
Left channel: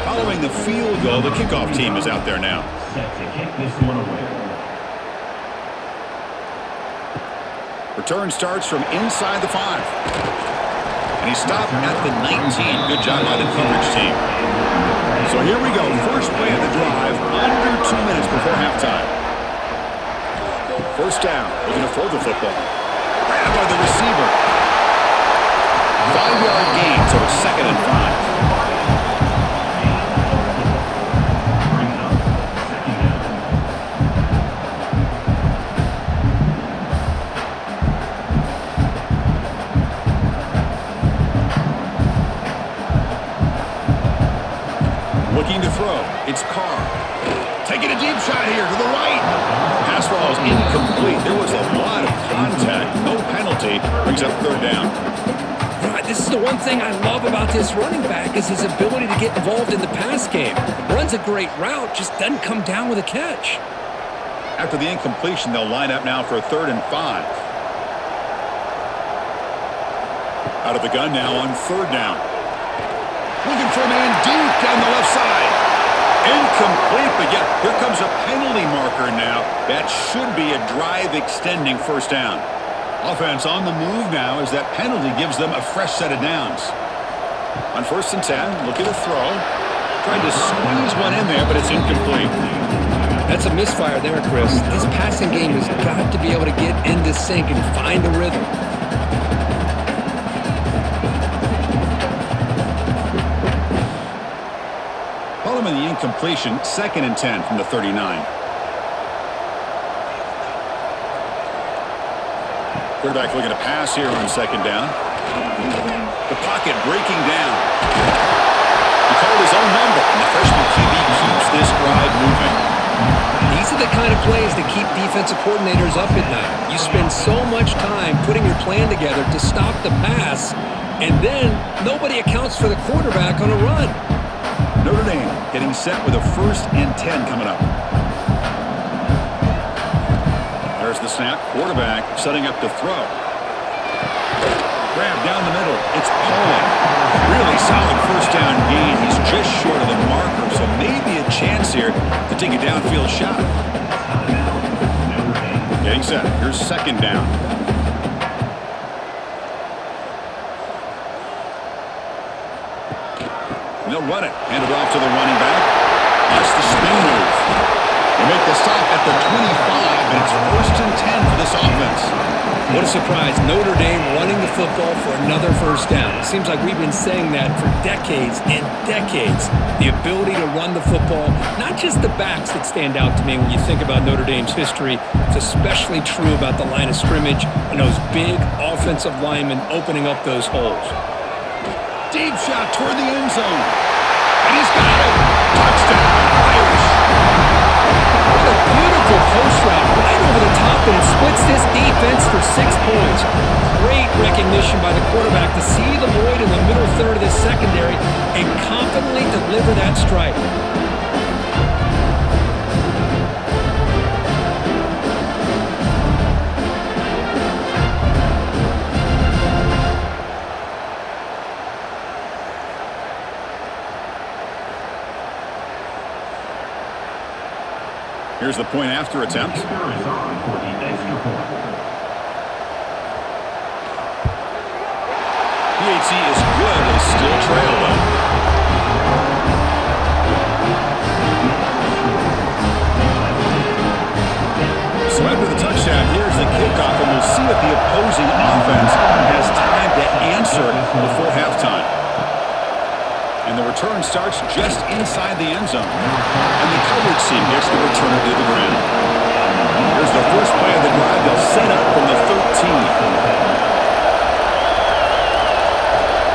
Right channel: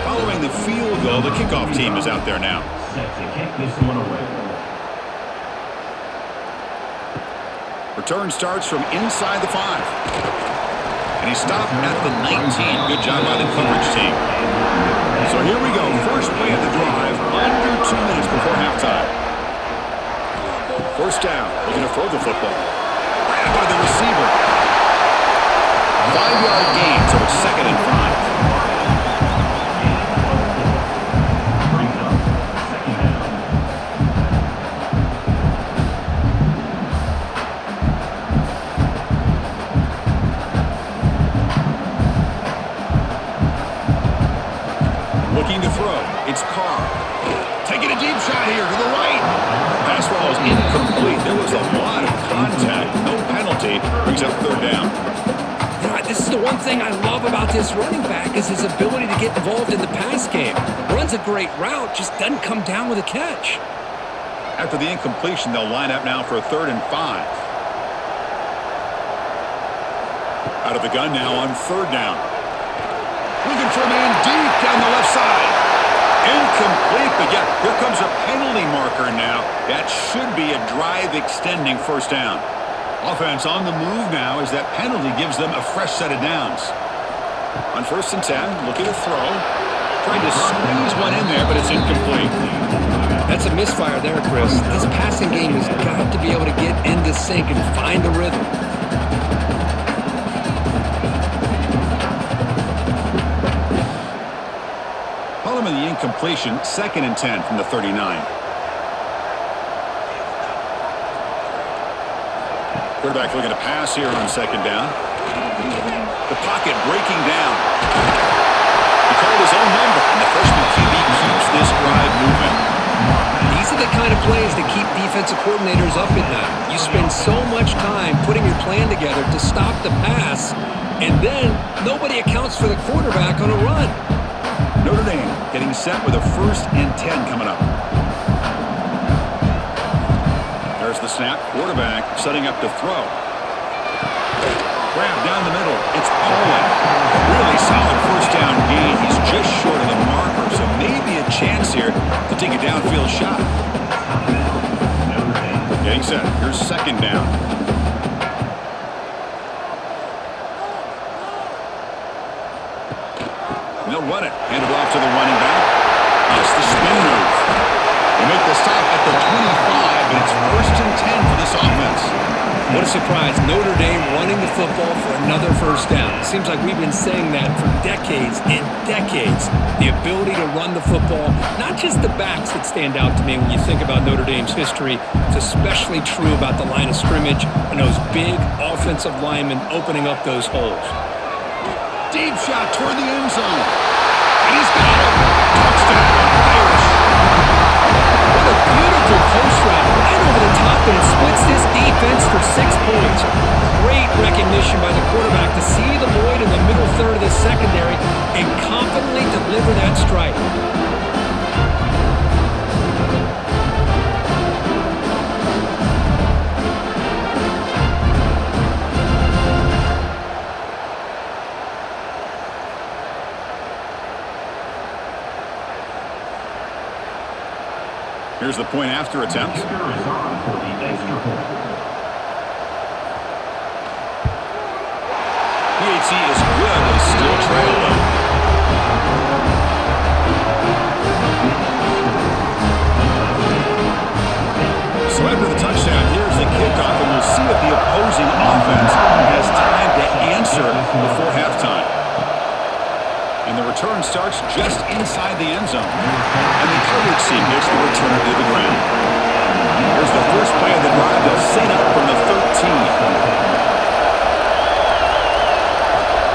Following the field goal, the kickoff team is out there now. Set to kick this one away. Return starts from inside the 5. And he stopped at the 19. Good job by the coverage team. So here we go. First play of the drive, under 2 minutes before halftime. First down. Looking to throw the football. Grabbed by the receiver. 5-yard gain, so it's 2nd and 5. Looking to throw. It's Carr. Taking a deep shot here to the right. Pass ball is incomplete. There was a lot of contact. No penalty. Brings up third down. You know, this is the one thing I love about this running back is his ability to get involved in the pass game. Runs a great route, just doesn't come down with a catch. After the incompletion, they'll line up now for a 3rd and 5. Out of the gun now on 3rd down. Looking for a man deep down the left side. Incomplete, but yeah, here comes a penalty marker now. That should be a drive-extending first down. Offense on the move now as that penalty gives them a fresh set of downs. On 1st and 10, looking to throw. Tried to squeeze one in there, but it's incomplete. That's a misfire there, Chris. This passing game has got to be able to get into sync and find a rhythm. Following the incompletion, 2nd and 10 from the 39. Quarterback looking to pass here on 2nd down. The pocket breaking down. He called his own number, and the freshman QB keeps this drive moving. These are the kind of plays that keep defensive coordinators up at night. You spend so much time putting your plan together to stop the pass, and then nobody accounts for the quarterback on a run. Notre Dame getting set with a 1st and 10 coming up. There's the snap. Quarterback setting up to throw. Grab down the middle. It's Pauling. Really solid first down gain. He's just short of the marker, so maybe a chance here to take a downfield shot. Getting set. Here's 2nd down. And they'll run it. Hand it off to the running back. That's the spin move. They make the stop at the 25, but it's 1st and 10 for this offense. What a surprise. Notre Dame running the football for another first down. It seems like we've been saying that for decades and decades. The ability to run the football, not just the backs that stand out to me when you think about Notre Dame's history. It's especially true about the line of scrimmage and those big offensive linemen opening up those holes. Deep shot toward the end zone. And he's got it. Touchdown, Irish. What a beautiful post route right over the top, and it splits this defense for 6 points. Great recognition by the quarterback to see the void in the middle third of this secondary and confidently deliver that strike. Here's the point after attempt. Kicker is on for the extra point. PHC is good. They still trail though. So after the touchdown. touchdown. Here's the kickoff, and we'll see if the opposing offense has time to answer before halftime. And the return starts just inside the end zone. And the coverage team gets the returner to the ground. Here's the first play of the drive. They'll set up from the 13.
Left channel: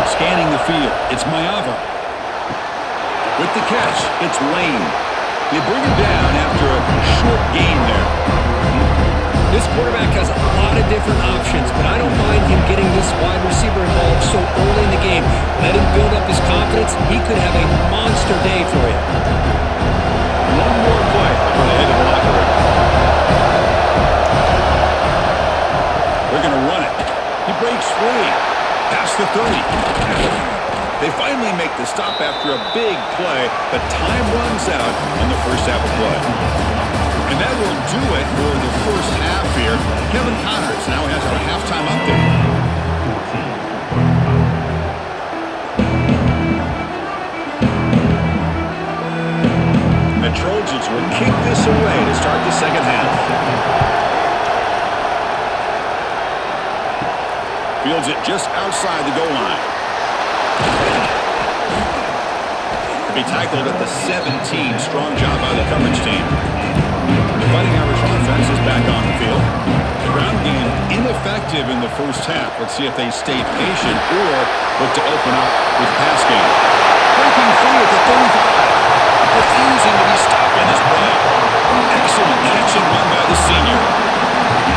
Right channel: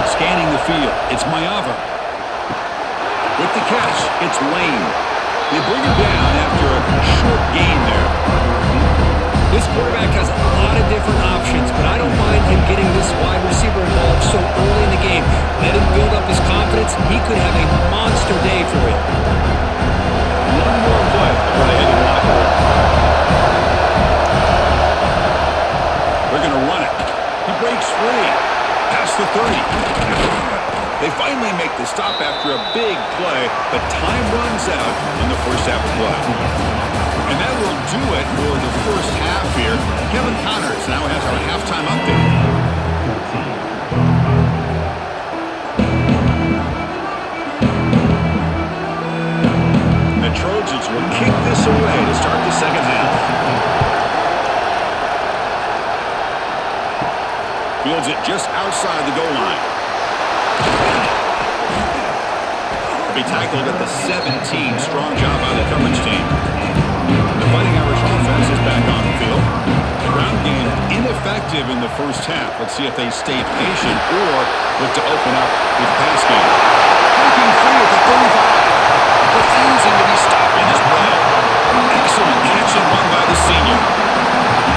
Scanning the field, it's Mayava. With the catch, it's Lane. They bring him down after a short gain there. This quarterback has a lot of different options, but I don't mind him getting this wide receiver involved so early in the game. Let him build up his confidence. He could have a monster day for you. One more play before they head to the locker room. They're going to run it. He breaks free. Past the 30. They finally make the stop after a big play, but time runs out on the first half of play. And that will do it for the first half here. Kevin Connors now has our halftime update. 14. The Trojans will kick this away to start the second half. Fields it just outside the goal line. To be tackled at the 17. Strong job by the coverage team. The Fighting Irish offense is back on the field. The ground game ineffective in the first half. Let's see if they stay patient or look to open up with pass game. Breaking free at the 35. Refusing to be stopped in this play. Excellent catch and run by the senior.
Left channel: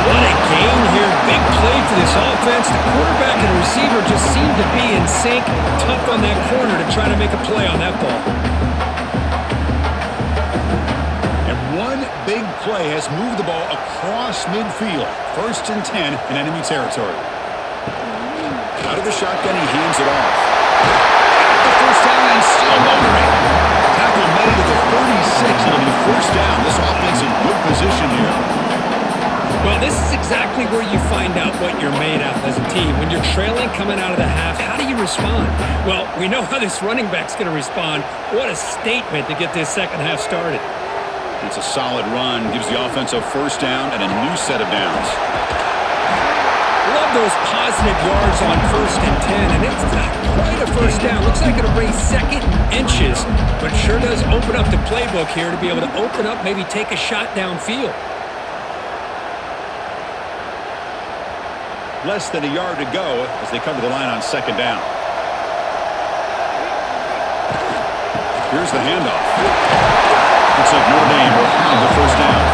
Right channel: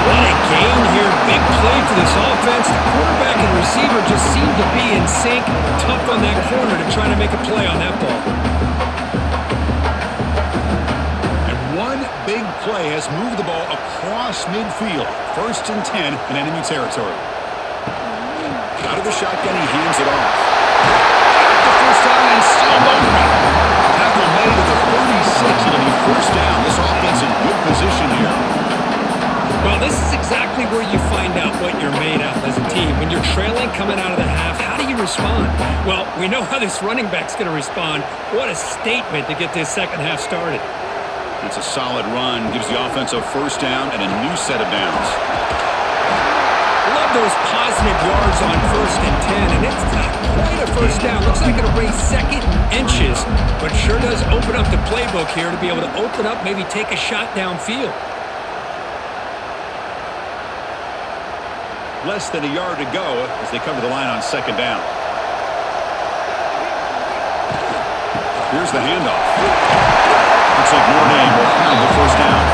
What a game here. Big play for this offense. The quarterback and receiver just seem to be in sync. Tough on that corner to try to make a play on that ball. And one big play has moved the ball across midfield. 1st and 10 in enemy territory. Out of the shotgun, he hands it off. Got the first down and still motoring. Tackle made at the 36. It'll be first down. This offense in good position here. Well, this is exactly where you find out what you're made of as a team. When you're trailing coming out of the half, how do you respond? Well, we know how this running back's going to respond. What a statement to get this second half started. It's a solid run. Gives the offense a first down and a new set of downs. Love those positive yards on 1st and 10, and it's not quite a first down. Looks like it'll raise 2nd and inches, but sure does open up the playbook here to be able to open up, maybe take a shot downfield. Less than a yard to go as they come to the line on 2nd down. Here's the handoff. Looks like Notre Dame will have the first down.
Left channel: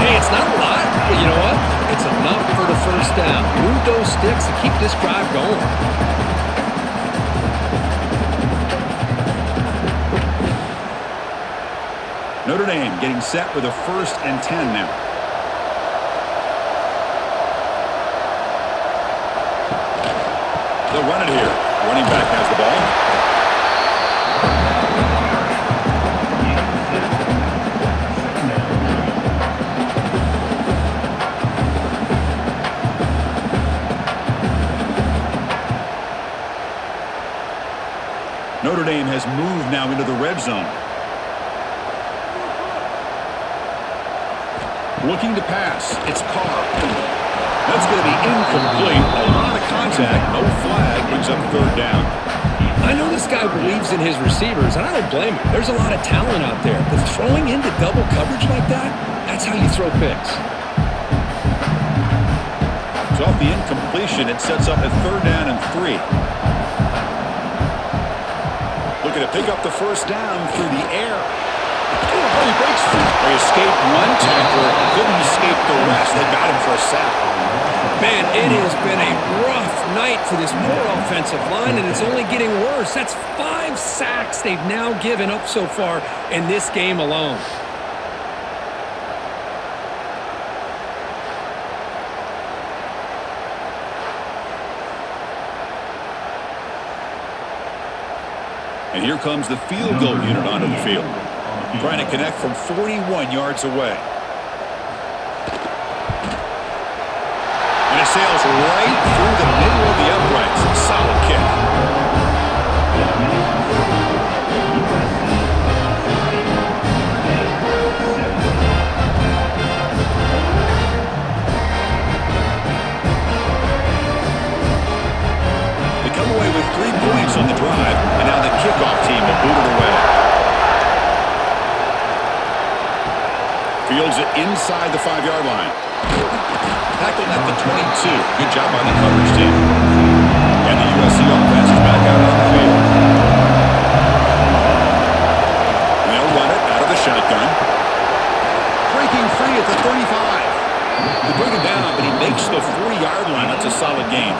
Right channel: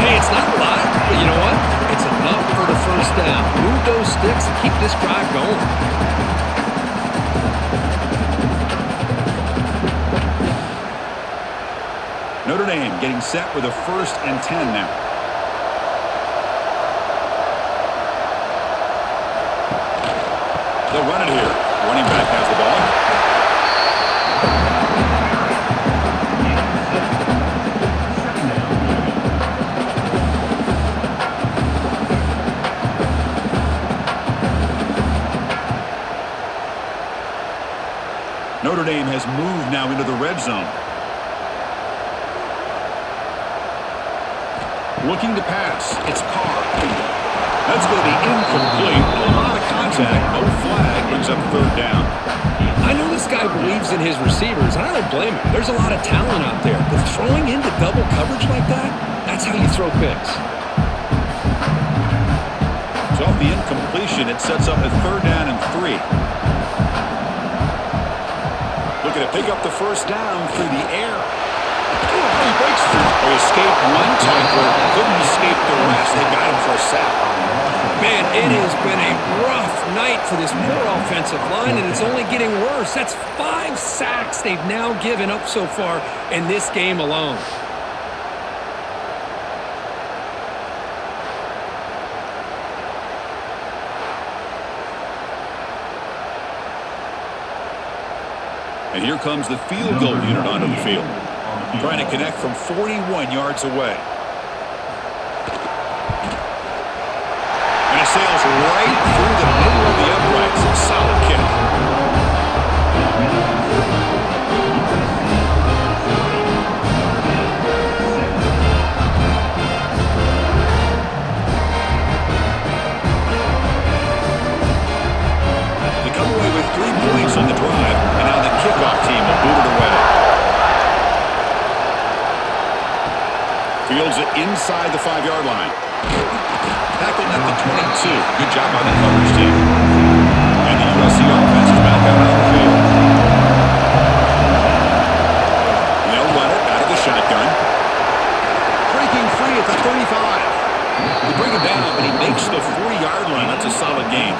Hey, it's not a lot, but you know what? It's enough for the first down. Move those sticks and keep this drive going. Notre Dame getting set with a 1st and 10 now. They'll run it here. Running back has the ball. Notre Dame has moved now into the red zone. Looking to pass. It's Carr. That's going to be incomplete. A lot of contact. No flag. Brings up 3rd down. I know this guy believes in his receivers, and I don't blame him. There's a lot of talent out there. But throwing into double coverage like that, that's how you throw picks. So off the incompletion, it sets up a 3rd down and 3. Looking to pick up the first down through the air. Oh, he breaks through. He escaped one tackler, couldn't escape the rest. They got him for a sack. Man, it has been a rough night for this poor offensive line, and it's only getting worse. That's 5 sacks they've now given up so far in this game alone. And here comes the field goal unit onto the field. Trying to connect from 41 yards away. And it sails right through the middle of the uprights. Solid kick. with 3 points on the drive, and now the kickoff team will boot it away. Fields it inside the 5-yard line. Tackled at the 22. Good job by the coverage team. And the USC offense is back out on the field. They'll run it out of the shotgun. Breaking free at the 35. They bring him down, but he makes the 40-yard line. That's a solid gain.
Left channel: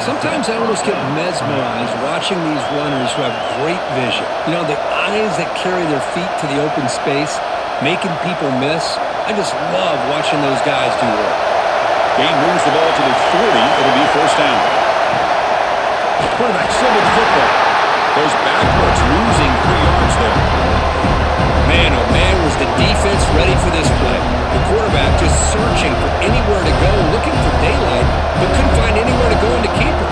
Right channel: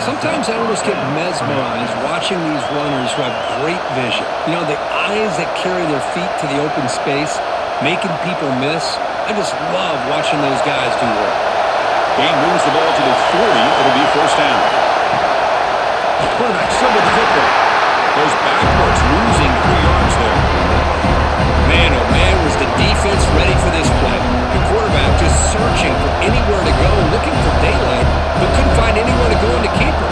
Sometimes I almost get mesmerized watching these runners who have great vision. You know, the eyes that carry their feet to the open space, making people miss. I just love watching those guys do work. Gain moves the ball to the 40. It'll be first down. Quarterback still with the football. Goes backwards, losing 3 yards there. Man, oh man, was the defense ready for this play. The quarterback just searching for anywhere to go, looking for daylight, but couldn't find anywhere to go into keeper.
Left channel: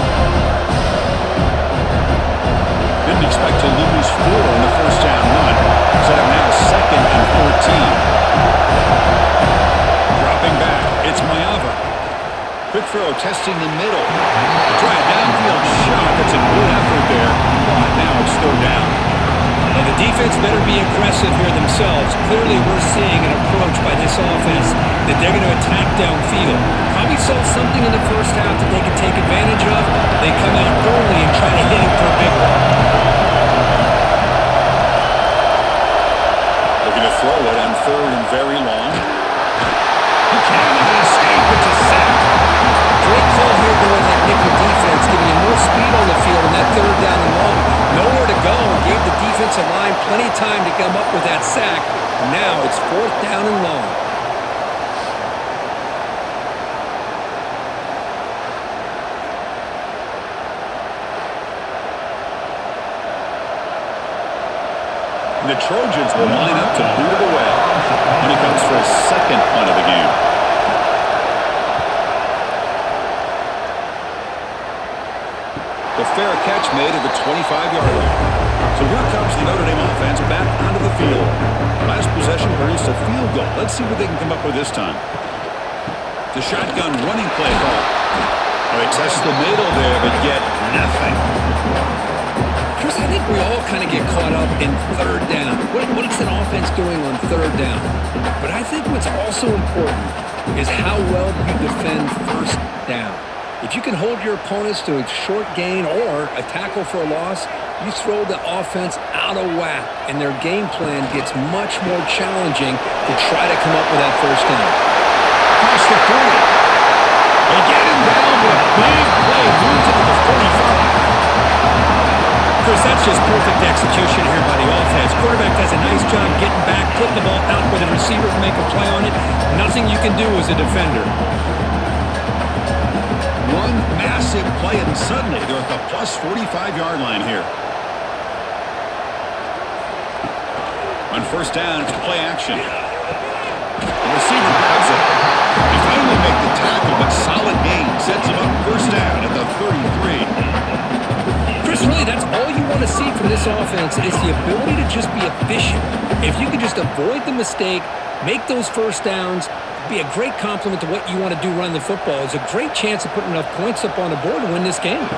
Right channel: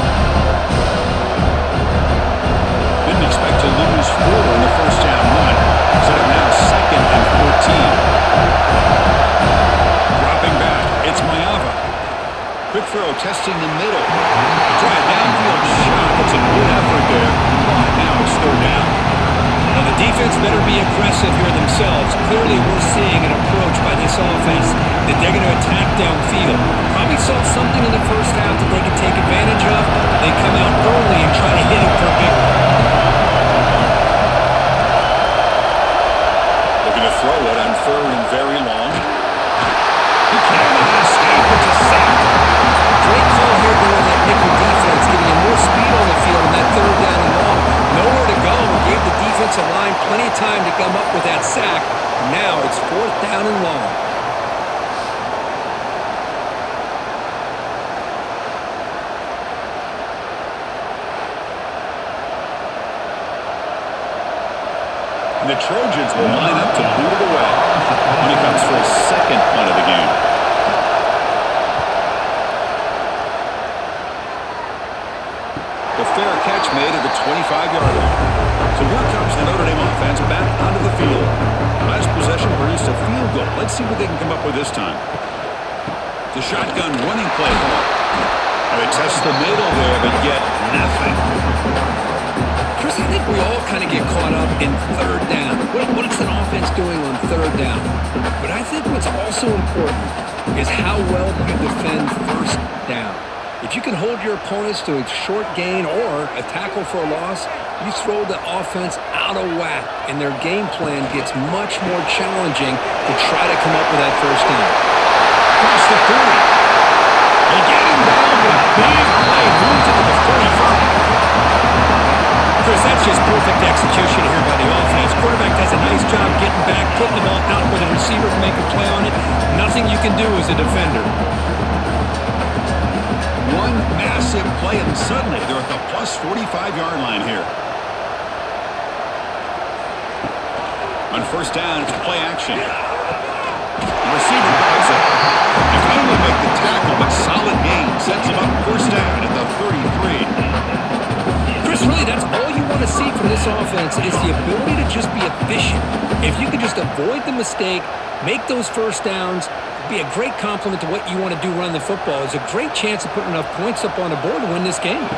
Didn't expect to lose 4 on the first down run. Set up now 2nd and 14. Dropping back, it's Mayava. Quick throw, testing the middle. Try a downfield shot. That's a good effort there, but now it's 3rd down. Now the defense better be aggressive here themselves. Clearly we're seeing an approach by this offense that they're going to attack downfield. Probably saw something in the first half that they could take advantage of. They come out early and try to hit it for a big one. Looking to throw it on 3rd and very long. He cannot escape. It's a sack. Great call here going that nickel defense, giving you more speed on the field in that 3rd down and long. Nowhere to go. Gave the defensive line plenty of time to come up with that sack. And now it's 4th down and long. And the Trojans will line up to boot it away when he comes for his 2nd punt of the game. The fair catch made at the 25-yard line. So here comes the Notre Dame offense back onto the field. Last possession produced a field goal. Let's see what they can come up with this time. The shotgun running play call. Oh, they test the middle there, but get nothing. Chris, I think we all kind of get caught up in 3rd down. What is an offense doing on 3rd down? But I think what's also important is how well you defend 1st down. If you can hold your opponents to a short gain or a tackle for a loss, you throw the offense out of whack, and their game plan gets much more challenging to try to come up with that 1st down. Across the 40. They get him down, but a big play moves it to the 45. Chris, that's just perfect execution here by the offense. Quarterback does a nice job getting back, putting the ball out where the receiver can make a play on it. Nothing you can do as a defender. One massive play, and suddenly they're at the plus 45-yard line here. On 1st down, it's play action. The receiver grabs it. They finally make the tackle, but solid gain sets them up 1st down at the 33. Chris, really, that's all you want to see from this offense is the ability to just be efficient. If you can just avoid the mistake, make those 1st downs, be a great compliment to what you want to do running the football. It's a great chance of putting enough points up on the board to win this game.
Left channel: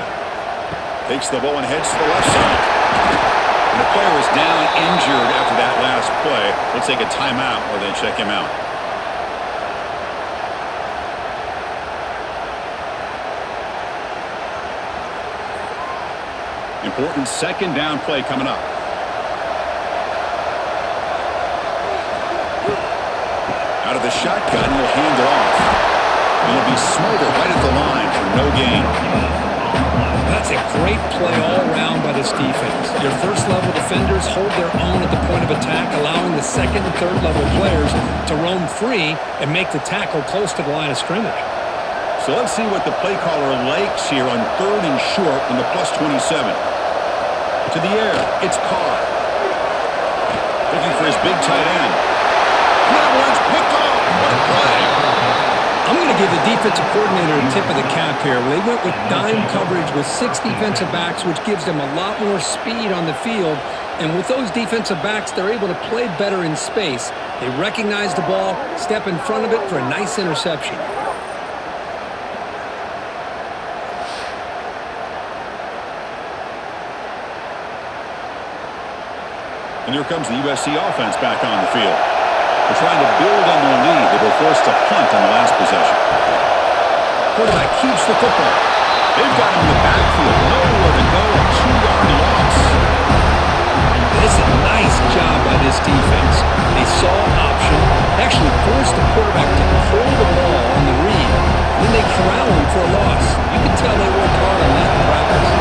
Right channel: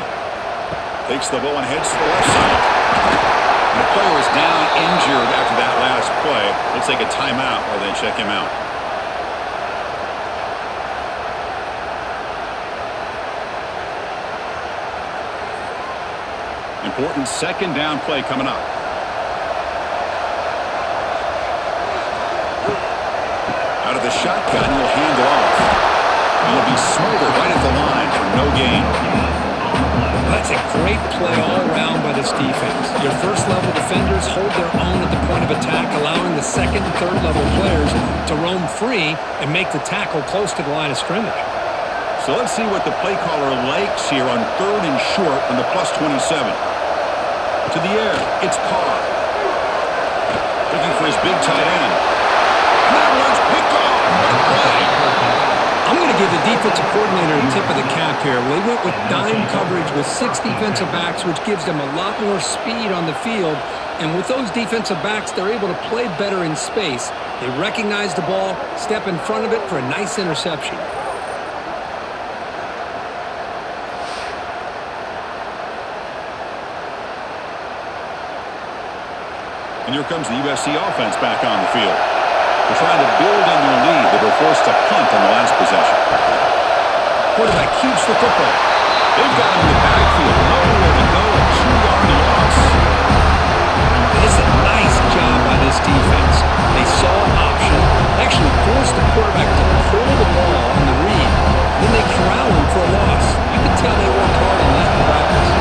Takes the ball and heads to the left side. And the player is down injured after that last play. We'll take a timeout while they check him out. Important 2nd down play coming up. Out of the shotgun, he'll hand it off. And he'll be smothered right at the line for no gain. That's a great play all around by this defense. Your 1st level defenders hold their own at the point of attack, allowing the 2nd and 3rd level players to roam free and make the tackle close to the line of scrimmage. So let's see what the play caller likes here on 3rd and short from the plus 27. To the air, it's Carr. Looking for his big tight end. And that one's picked off. What a play. I'm going to give the defensive coordinator a tip of the cap here. They went with dime coverage with 6 defensive backs, which gives them a lot more speed on the field. And with those defensive backs, they're able to play better in space. They recognize the ball, step in front of it for a nice interception. And here comes the USC offense back on the field. They're trying to build on their lead. They were forced to punt on the last possession. Quarterback keeps the football. They've got him in the backfield. Nowhere to go. A 2-yard loss. It's a nice job by this defense. They saw option, actually forced the quarterback to pull the ball on the read. Then they corral him for a loss. You can tell they worked hard on that in practice.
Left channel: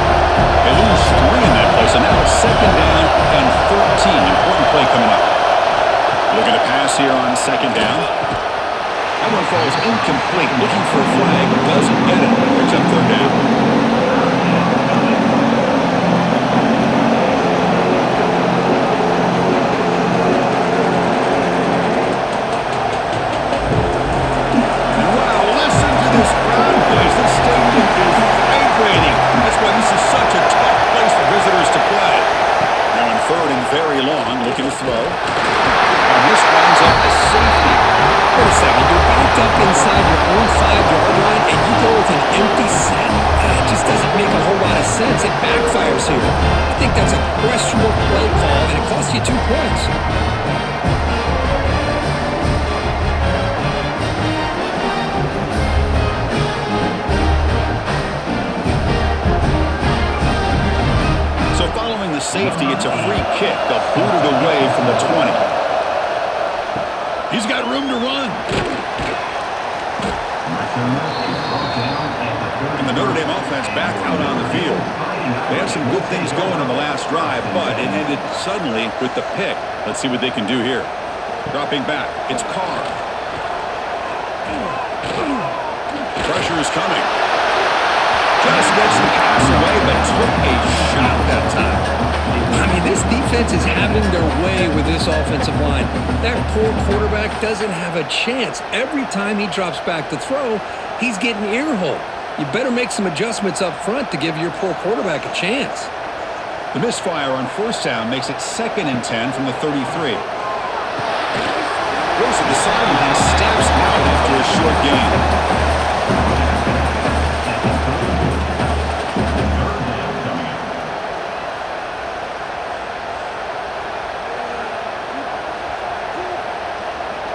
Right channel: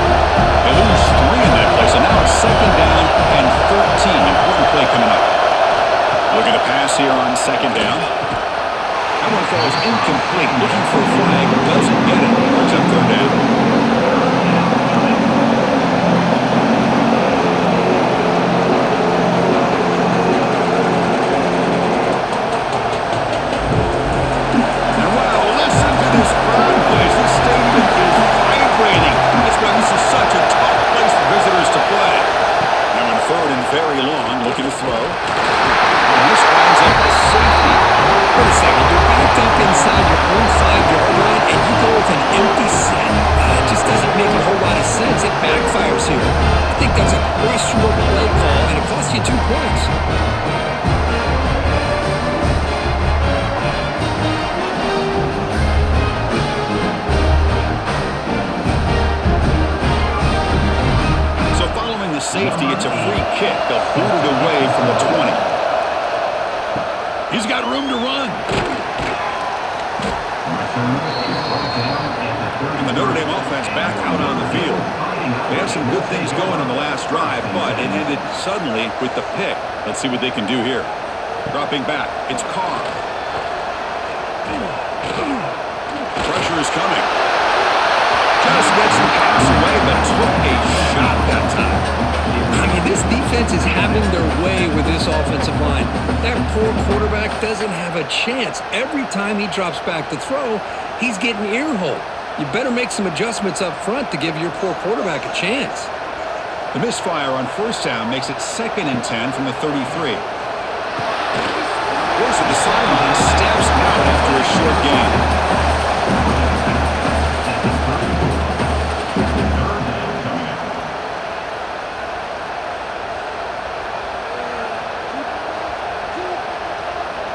They lose 3 in that play, so now it's 2nd down and 13. Important play coming up. Looking to pass here on 2nd down. That one falls incomplete. Looking for a flag. Doesn't get it. Brings up 3rd down. This crowd noise, this stadium is vibrating. That's why this is such a tough place for visitors to play. Now in 3rd and very long, looking to throw. On this winds up a safety. Wait a second, you're backed up inside your own 5-yard line and you go with an empty set? It just doesn't make a whole lot of sense. It backfires here. I think that's a questionable play call and it costs you 2 points. Following the safety, it's a free kick. They'll boot it away from the 20. He's got room to run. And the Notre Dame offense back out on the field. They have some good things going on the last drive, but it ended suddenly with the pick. Let's see what they can do here. Dropping back, it's Carr. Pressure is coming. Just gets the pass away, but took a shot that time. I mean, this defense is having their way with this offensive line. That poor quarterback doesn't have a chance. Every time he drops back to throw, he's getting ear-holed. You better make some adjustments up front to give your poor quarterback a chance. The misfire on 1st down makes it 2nd and 10 from the 33. Goes to the sideline, steps out after a short gain.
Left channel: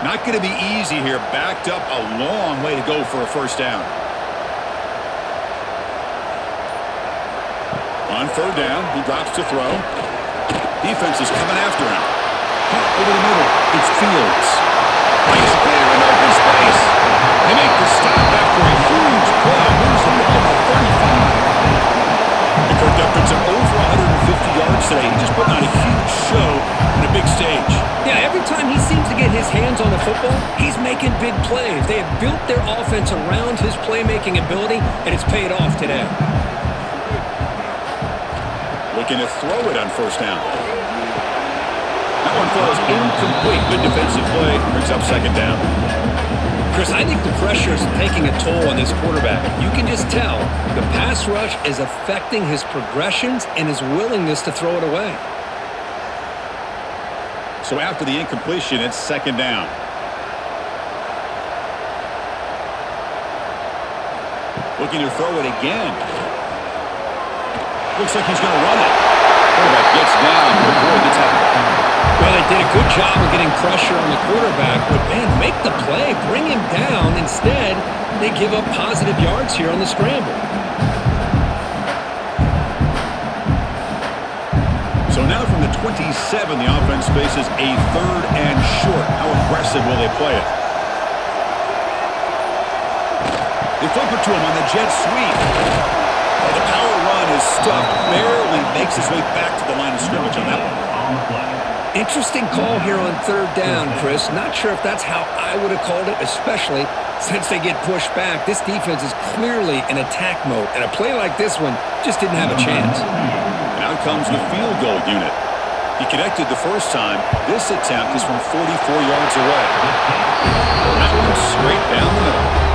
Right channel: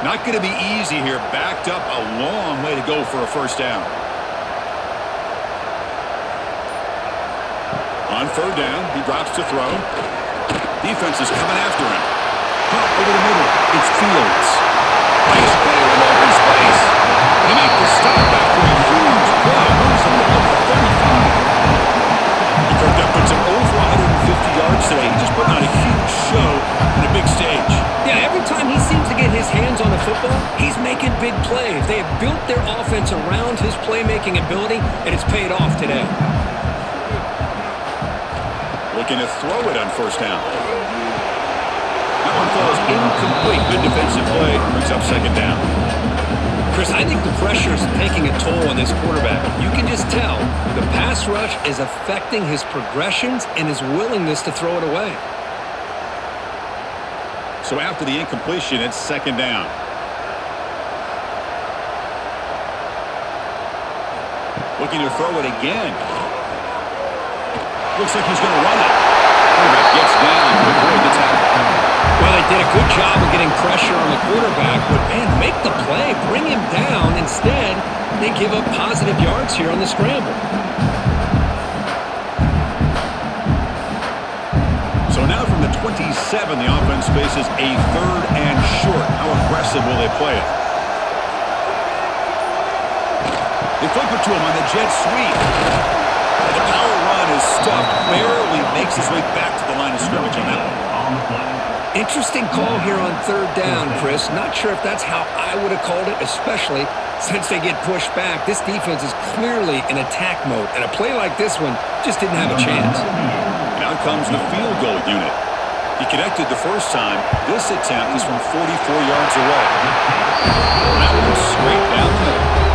Not going to be easy here. Backed up a long way to go for a 1st down. On 3rd down, he drops to throw. Defense is coming after him. Caught over the middle. It's Fields. Breaks clear in open space. They make the stop after a huge play. Moves the ball to the 35. And Kirk puts him over 150 yards today. He's just putting on a huge show on a big stage. Yeah, every time he seems to get his hands on the football, he's making big plays. They have built their offense around his playmaking ability, and it's paid off today. Looking to throw it on 1st down. That one falls incomplete. Good defensive play. Brings up 2nd down. Chris, I think the pressure is taking a toll on this quarterback. You can just tell the pass rush is affecting his progressions and his willingness to throw it away. So after the incompletion, it's 2nd down. Looking to throw it again. Looks like he's going to run it. Quarterback gets down to avoid the tackle. Well, they did a good job of getting pressure on the quarterback, but, man, make the play. Bring him down. Instead, they give up positive yards here on the scramble. So now from the 27, the offense faces a 3rd and short. How aggressive will they play it? They flip it to him on the jet sweep. Well, the power run is stuffed. Barely makes his way back to the line of scrimmage on that one. Interesting call here on 3rd down, Chris. Not sure if that's how I would have called it, especially since they get pushed back. This defense is clearly in attack mode, and a play like this one just didn't have a chance. And out comes the field goal unit. He connected the first time. This attempt is from 44 yards away. That one's straight down the middle.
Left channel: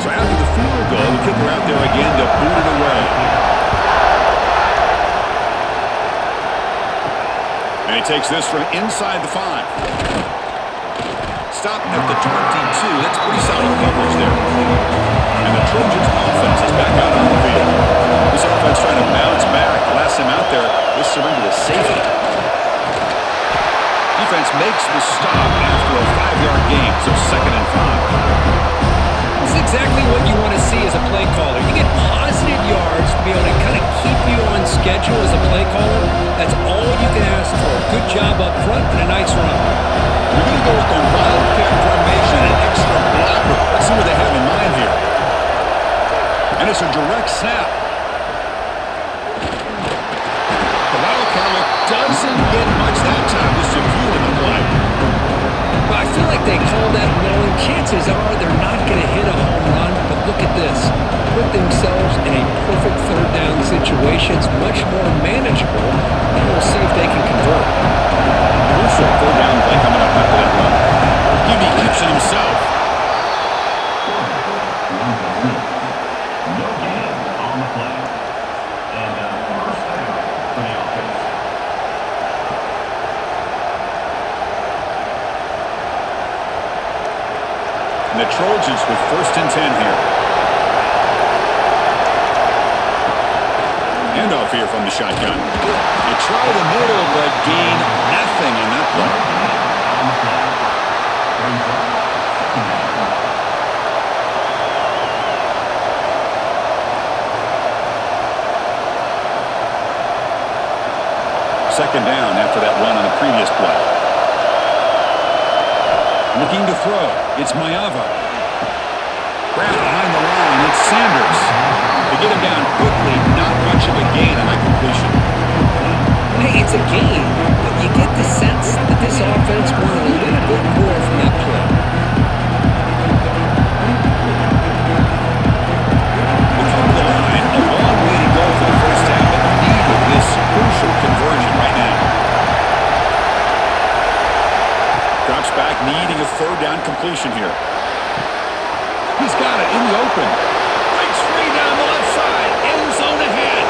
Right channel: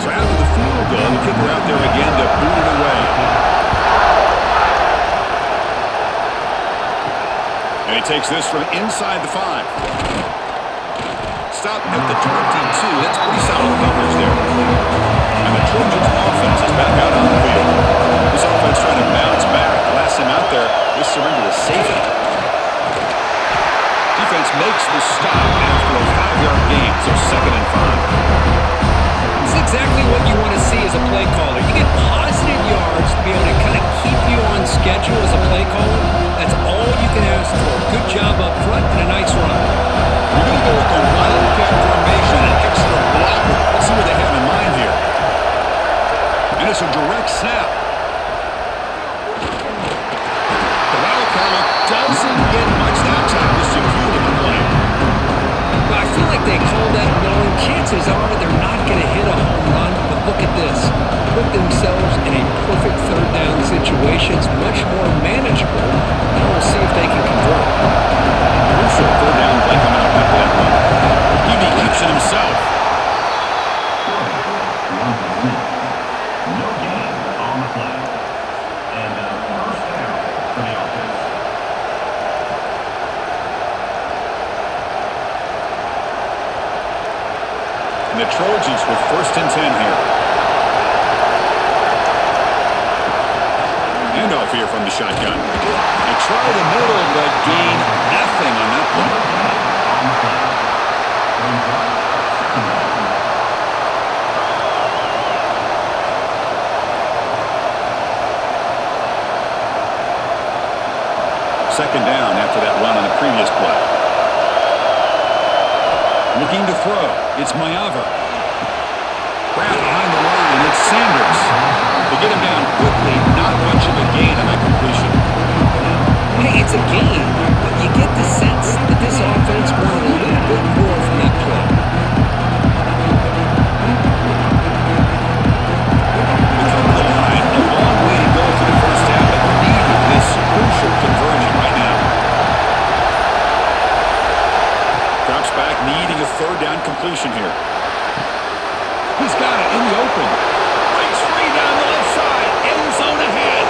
So after the field goal, the kicker out there again to boot it away. And he takes this from inside the 5. Stop at the 22. That's pretty solid coverage there. And the Trojans offense is back out on the field. This offense trying to bounce back. The last time out there, they surrendered a safety. Defense makes the stop after a 5-yard gain, so 2nd and 5. It's exactly what you want to see as a play caller. You get positive yards to be able to kind of keep you on schedule as a play caller. That's all you can ask for. Good job up front and a nice run. We're going to go with the Wildcat formation, an extra blocker. Let's see what they have in mind here. And it's a direct snap. The Wildcat look doesn't get much that time, just a few in the play. But I feel like they called that knowing chances are they're not going to hit a home run. But look at this. Put themselves in a perfect 3rd down situation. It's much more manageable. Now we'll see if they can convert. Crucial 3rd down play coming up after that run. He keeps it himself. No gain on the play. And first down for the offense. And the Trojans with 1st and 10 here. Handoff here from the shotgun. They try the middle, but gain nothing on that play. On the play. Brings up 2nd down. Second down after that run on the previous play. Looking to throw. It's Mayava. Grab behind the line. It's Sanders. To get him down quickly, not much of a gain on that completion. Hey, it's a gain, but you get the sense that this offense wanted a little bit more from that play. They come to the line. A long way to go for the first down, but needing this crucial conversion right now. Drops back, needing a 3rd down completion here. He's got it in the open. Breaks free down the left side. End zone ahead.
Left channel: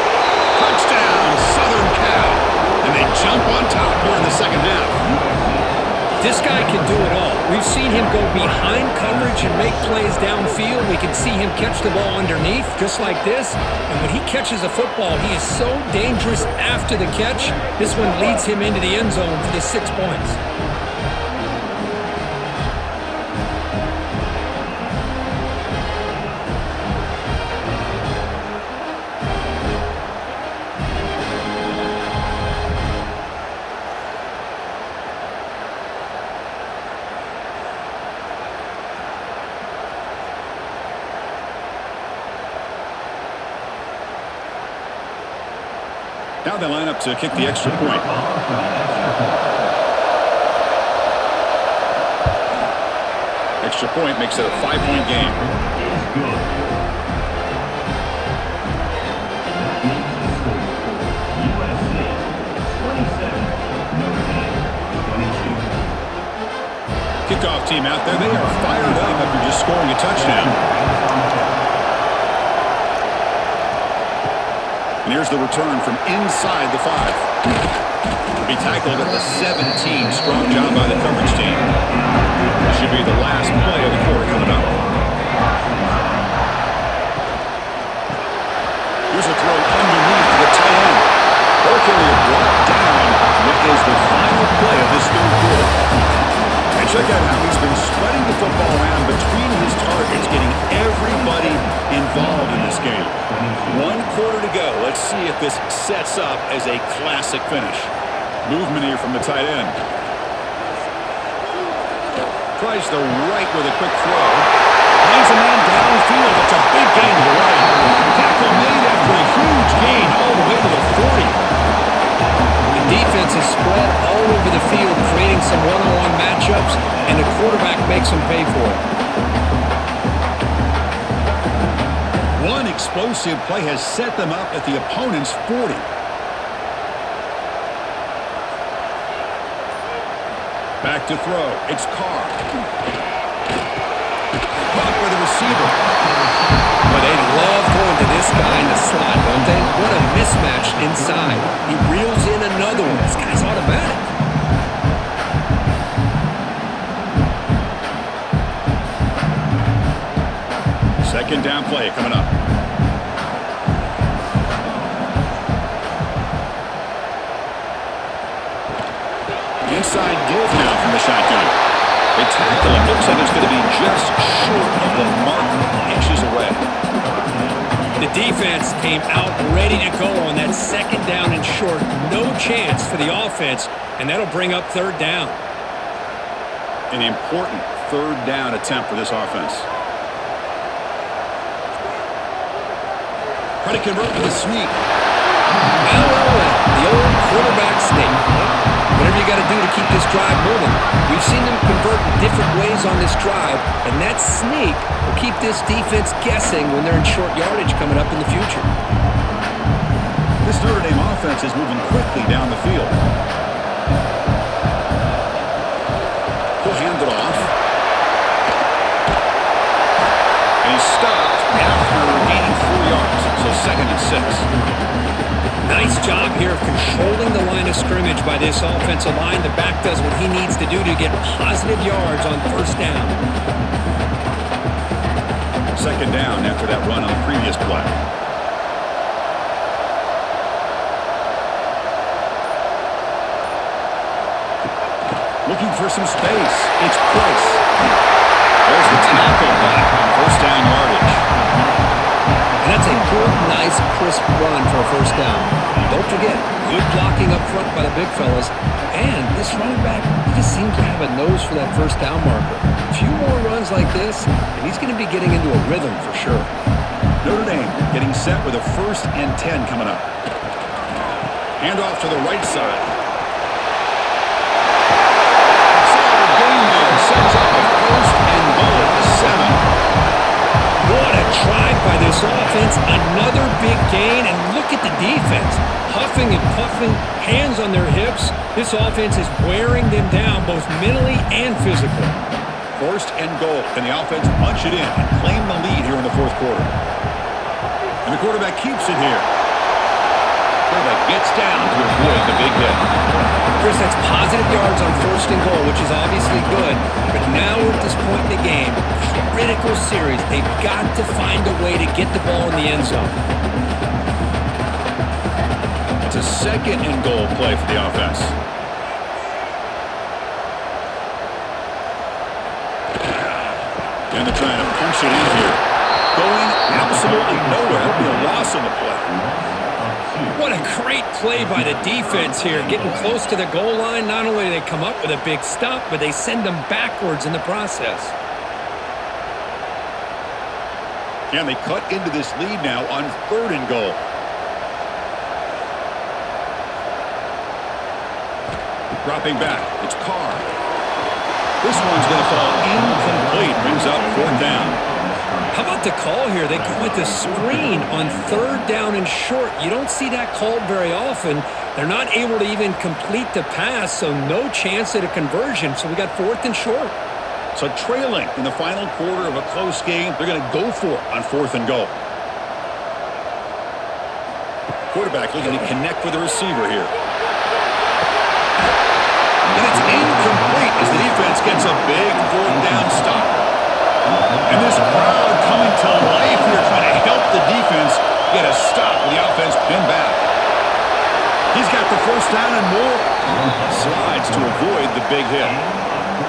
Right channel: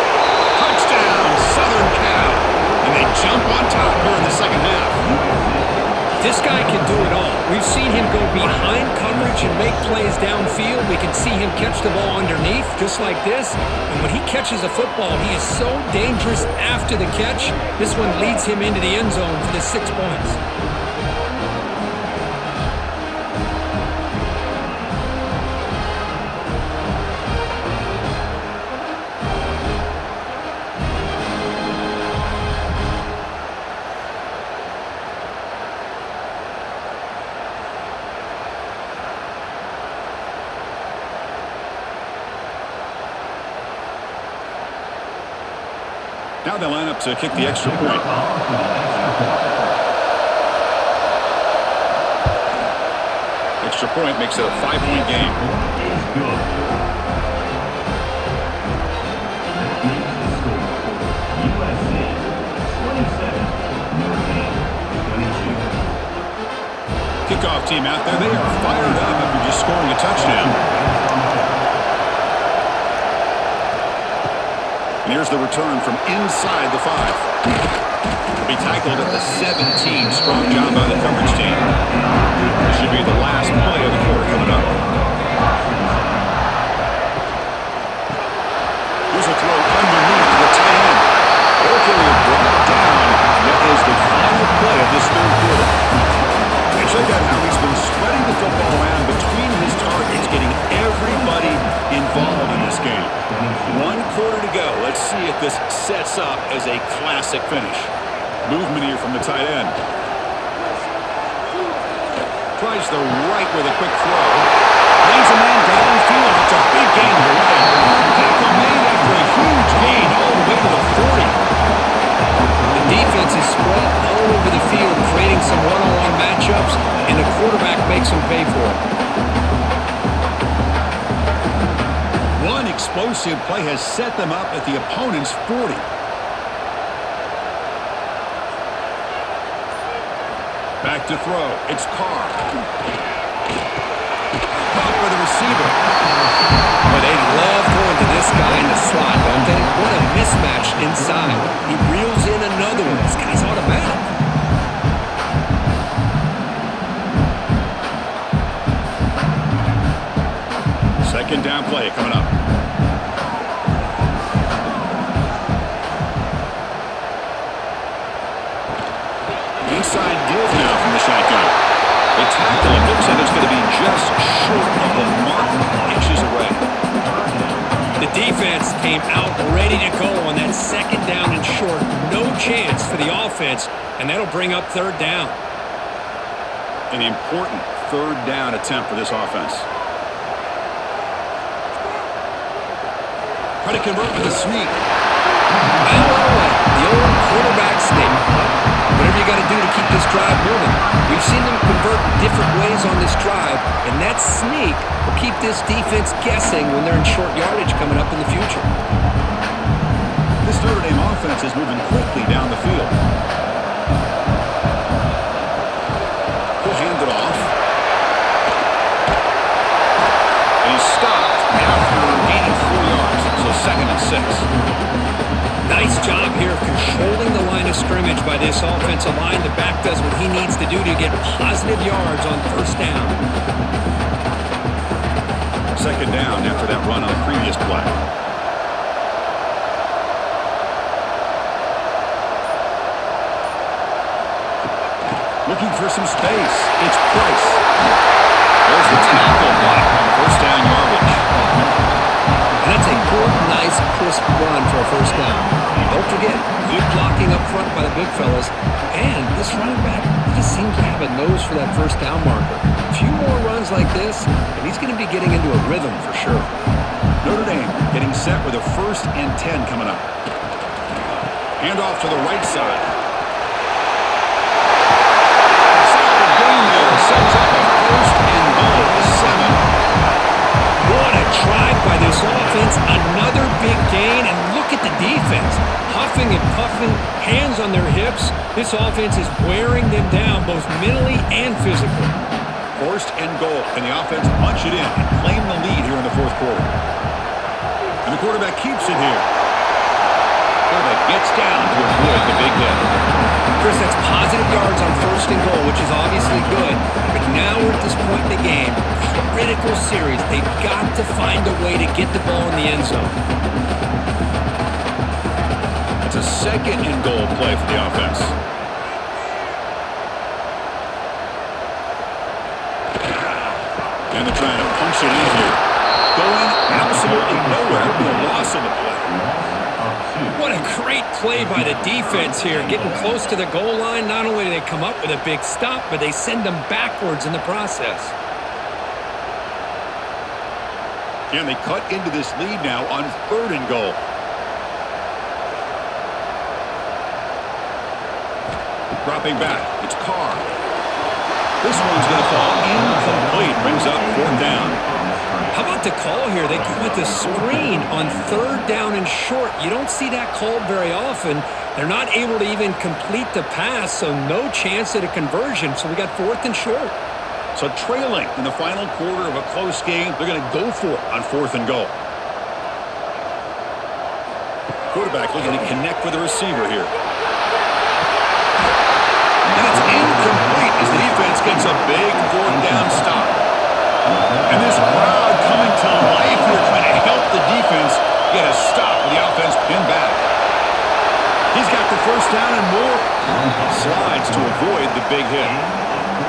Touchdown, Southern Cal. And they jump on top here in the second half. This guy can do it all. We've seen him go behind coverage and make plays downfield. We can see him catch the ball underneath, just like this. And when he catches a football, he is so dangerous after the catch. This one leads him into the end zone for the 6 points. Now they line up to kick the extra point. Extra point makes it a 5-point game. Is good. That makes the score. USC 27, Notre Dame 22. Kickoff team out there. They are fired up after just scoring a touchdown. And here's the return from inside the 5. To be tackled at the 17. Strong job by the coverage team. This should be the last play of the quarter coming up. Here's a throw underneath to the tight end. Ball carrier brought down what is the final play of this 3rd quarter. And check out how he's been spreading the football around between his targets, getting everybody involved in this game. 1 quarter to go. Let's see if this sets up as a classic finish. Movement here from the tight end. Tries the right with a quick throw. Finds a man downfield. That's a big gain to the right. Tackle made after a huge gain all the way to the 40. The defense is spread all over the field, creating some one-on-one matchups, and the quarterback makes them pay for it. One explosive play has set them up at the opponent's 40. Back to throw. It's Carr. Caught by the receiver. But they love going to this guy in the slot, don't they? What a mismatch inside. He reels in another one. This guy's automatic. Second down play coming up. Inside deals now from the shotgun. They tackle him. Looks like it's going to be just short of the mark, inches away. The defense came out ready to go on that second down and short. No chance for the offense, and that'll bring up third down. An important third down attempt for this offense. Try to convert with a sneak. Well. The old quarterback sneak. Well, whatever you got to do to keep this drive moving. We've seen them convert in different ways on this drive, and that sneak will keep this defense guessing when they're in short yardage coming up in the future. This Notre Dame offense is moving quickly down the field. He'll hand it off. And he's stopped after gaining 4 yards, so 2nd and 6. Nice job here of controlling the line of scrimmage by this offensive line. The back does what he needs to do to get positive yards on first down. 2nd down after that run on the previous play. Looking for some space. It's Price. There's the tackle, but first down yardage. And that's a good, nice, crisp run for a first down. Don't forget, good blocking up front by the big fellas. And this running back, he just seems to have a nose for that first down marker. A few more runs like this, and he's going to be getting into a rhythm for sure. Notre Dame getting set with a 1st and 10 coming up. Handoff to the right side. Solid gain there. Sets up a 1st and goal at the 7. What a drive by this offense. Another big gain, and look at the defense. Huffing and puffing, hands on their hips. This offense is wearing them down both mentally and physically. 1st and goal. Can the offense punch it in and claim the lead here in the 4th quarter? And the quarterback keeps it here. Quarterback gets down to avoid the big hit. Chris, that's positive yards on 1st and goal, which is obviously good. But now we're at this point in the game, critical series. They've got to find a way to get the ball in the end zone. That's a 2nd and goal play for the offense. And they're trying to punch it in here. Going absolutely nowhere. That'll be a loss on the play. What a great play by the defense here. Getting close to the goal line, not only do they come up with a big stop, but they send them backwards in the process. Can they cut into this lead now on 3rd and goal? Dropping back, it's Carr. This one's going to fall incomplete. Brings up 4th down. How about the call here? They go with the screen on 3rd down and short. You don't see that called very often. They're not able to even complete the pass, so no chance at a conversion. So we got 4th and short. So trailing in the final quarter of a close game, they're going to go for it on 4th and goal. Quarterback looking to connect with the receiver here. And it's incomplete as the defense gets a big 4th down stop. And this crowd coming to life here, trying to help the defense get a stop with the offense pinned back. He's got the first down and more. Slides to avoid the big hit.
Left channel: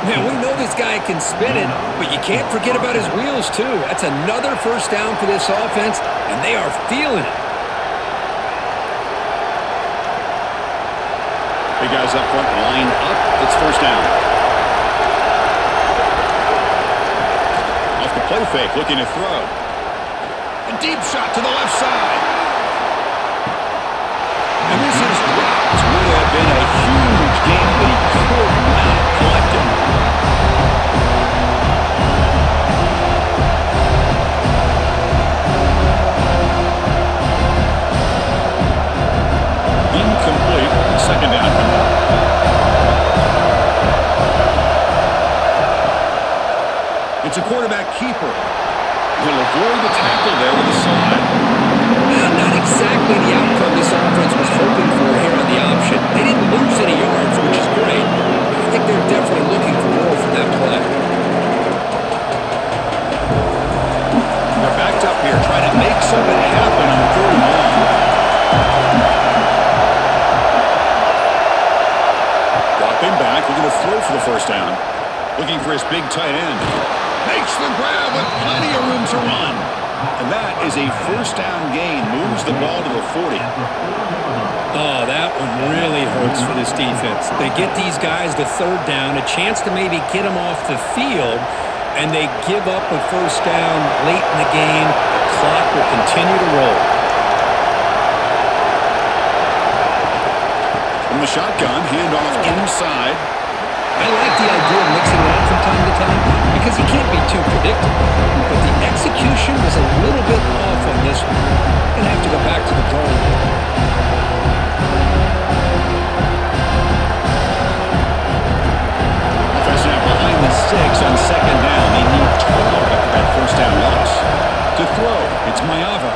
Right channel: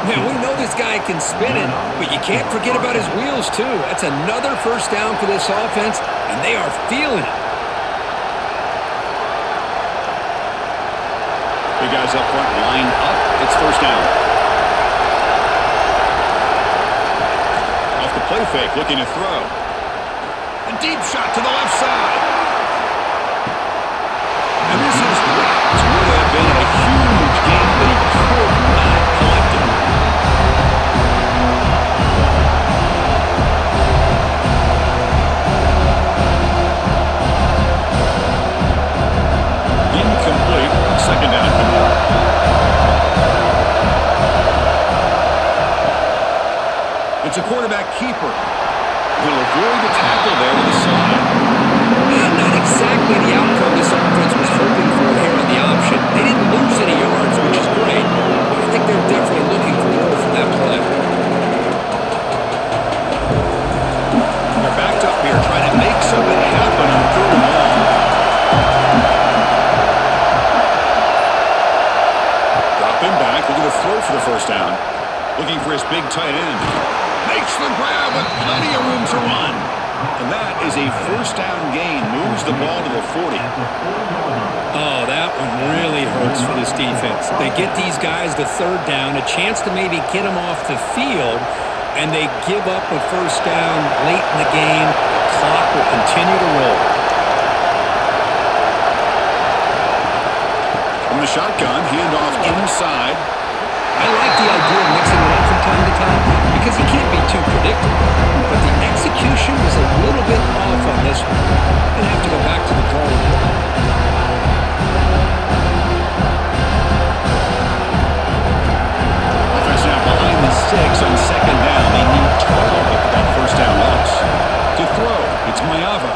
Man, we know this guy can spin it, but you can't forget about his wheels, too. That's another first down for this offense, and they are feeling it. Big guys up front lined up. It's first down. Off the play fake, looking to throw. A deep shot to the left side. And this is dropped. Would have been a huge gain, but he could not collect it. Incomplete. Second down coming up. It's a quarterback keeper. He'll avoid the tackle there with a slide. Well, not exactly the outcome this offense was hoping for here on the option. They didn't lose any yards, which is great. I think they're definitely looking for more from that play. They're back here, trying to make something happen on 3rd and long. Dropping back, looking to throw for the first down. Looking for his big tight end. Makes the grab with plenty of room to run. And that is a first down gain. Moves the ball to the 40. Oh, that one really hurts for this defense. They get these guys to 3rd down, a chance to maybe get them off the field, and they give up a first down late in the game. The clock will continue to roll. From the shotgun, handoff inside. I like the idea of mixing it up from time to time because you can't be too predictable. But the execution was a little bit off on this one. You're going to have to go back to the drawing board. Offense now behind the 6 on 2nd down. They need 12 after that first down loss. To throw, it's Maeva.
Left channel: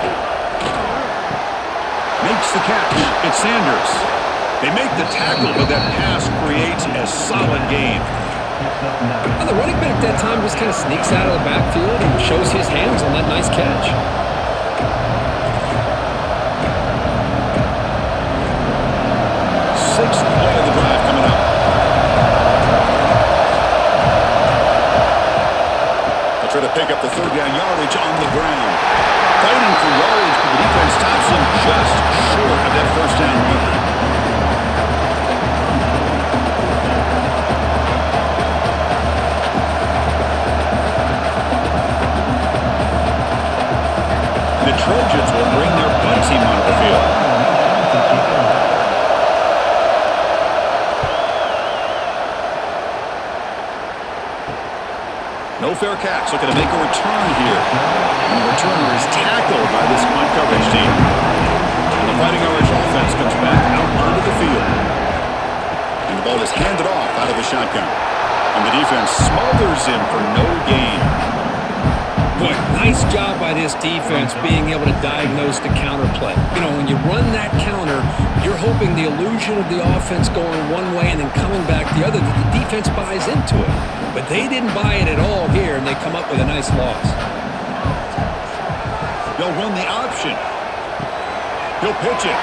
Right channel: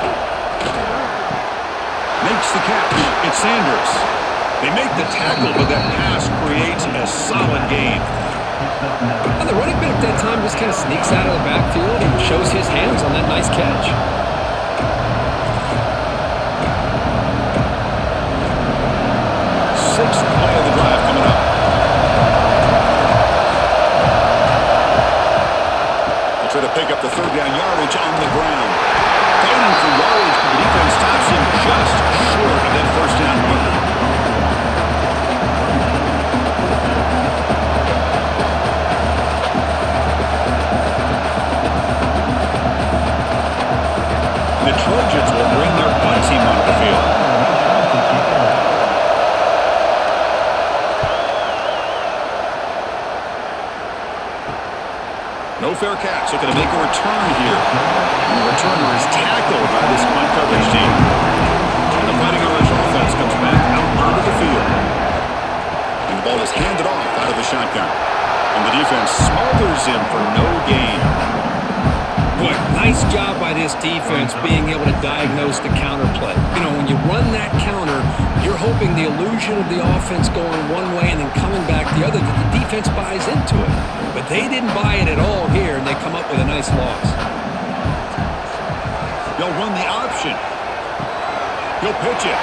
Makes the catch. It's Sanders. They make the tackle, but that pass creates a solid gain. And the running back that time just kind of sneaks out of the backfield and shows his hands on that nice catch. Sixth play of the drive coming up. They'll try to pick up the 3rd down yardage on the ground. Fighting for yardage, but the defense stops him just short of that first down marker. The Trojans will bring their punt team onto the field. No fair catch. Looking to make a return here. And the returner is tackled by this punt coverage team. And the Fighting Irish offense comes back out onto the field. And the ball is handed off out of the shotgun. And the defense smothers him for no gain. Boy, nice job by this defense being able to diagnose the counter play. You know, when you run that counter, you're hoping the illusion of the offense going one way and then coming back the other, that the defense buys into it. But they didn't buy it at all here, and they come up with a nice loss. They'll run the option. He'll pitch it.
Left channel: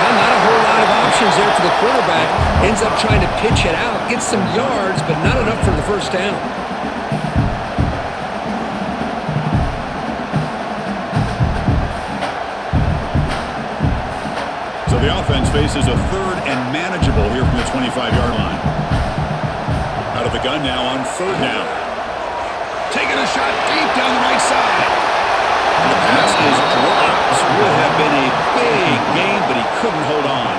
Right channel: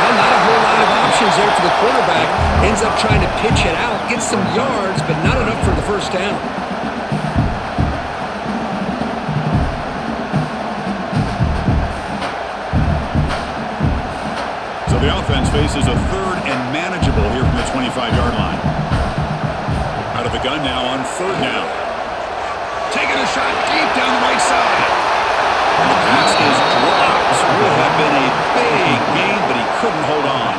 Well, not a whole lot of options there for the quarterback. Ends up trying to pitch it out, gets some yards, but not enough for the first down. So the offense faces a 3rd and manageable here from the 25-yard line. Out of the gun now on 3rd down. Taking a shot deep down the right side. And the pass is dropped. Would have been a big gain, but he couldn't hold on.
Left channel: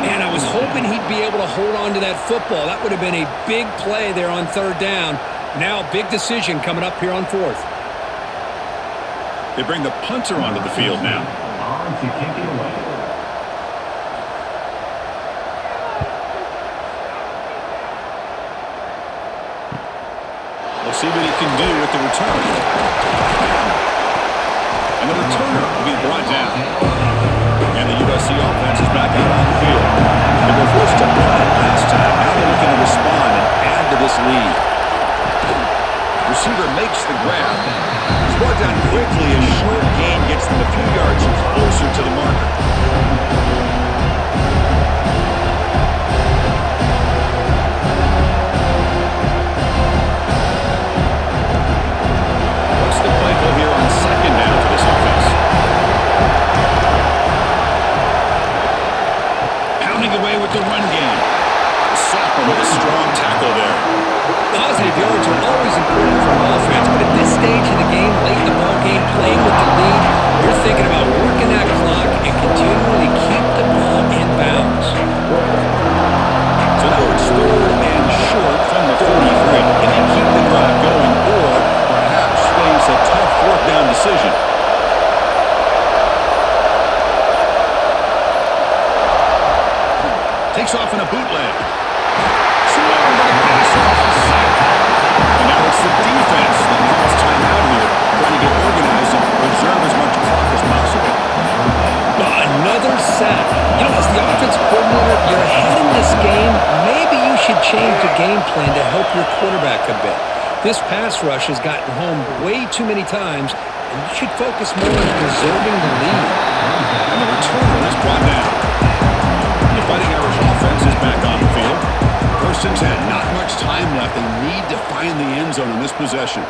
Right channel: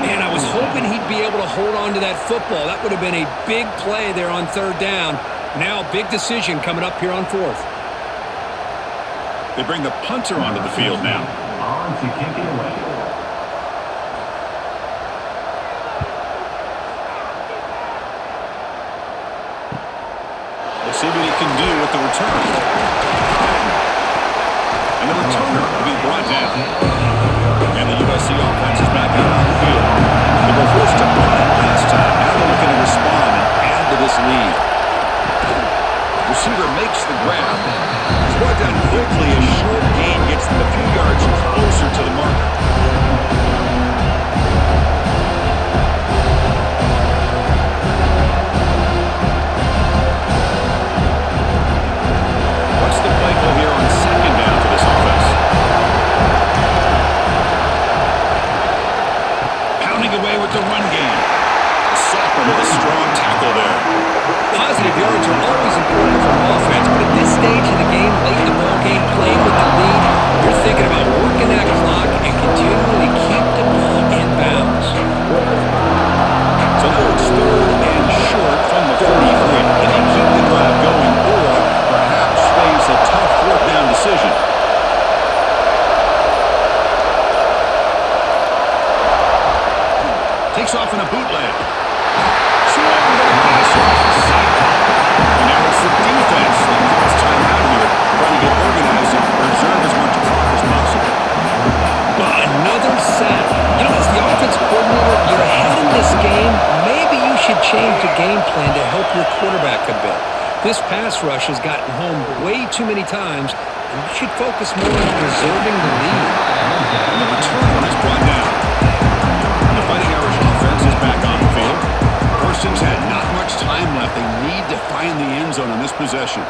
Man, I was hoping he'd be able to hold on to that football. That would have been a big play there on 3rd down. Now, big decision coming up here on 4th. They bring the punter onto the field now. On to kick it away. We'll see what he can do with the return. And the returner will be brought down. And the USC offense is back out on the field. They were forced to punt it last time. Now they're looking to respond and add to this lead. Receiver makes the grab. He's brought down quickly. A short gain gets them a few yards closer to the marker. What's the play call here on 2nd down for this offense? Pounding away with the run game. The sophomore with a strong tackle there. Positive yards are always important for an offense, but at this stage in the game, late in the ball game, playing with the lead, you're thinking about working that clock and continually keep the ball in bounds. So now it's 3rd and short from the 43. Can they keep the drive going or perhaps face a tough 4th down decision? Takes off in a bootleg. Swarm with a pass rush. And now it's the defense that calls timeout here, trying to get organized and preserve as much clock as possible. Well, another sack. You know, as the offensive coordinator, you're ahead in this game. Maybe you should change the game plan to help your quarterback a bit. This pass rush has gotten home way too many times, and you should focus more on preserving the lead. And the returner is brought down. The Fighting Irish offense is back on the field. Person's had not much time left. They need to find the end zone on this possession.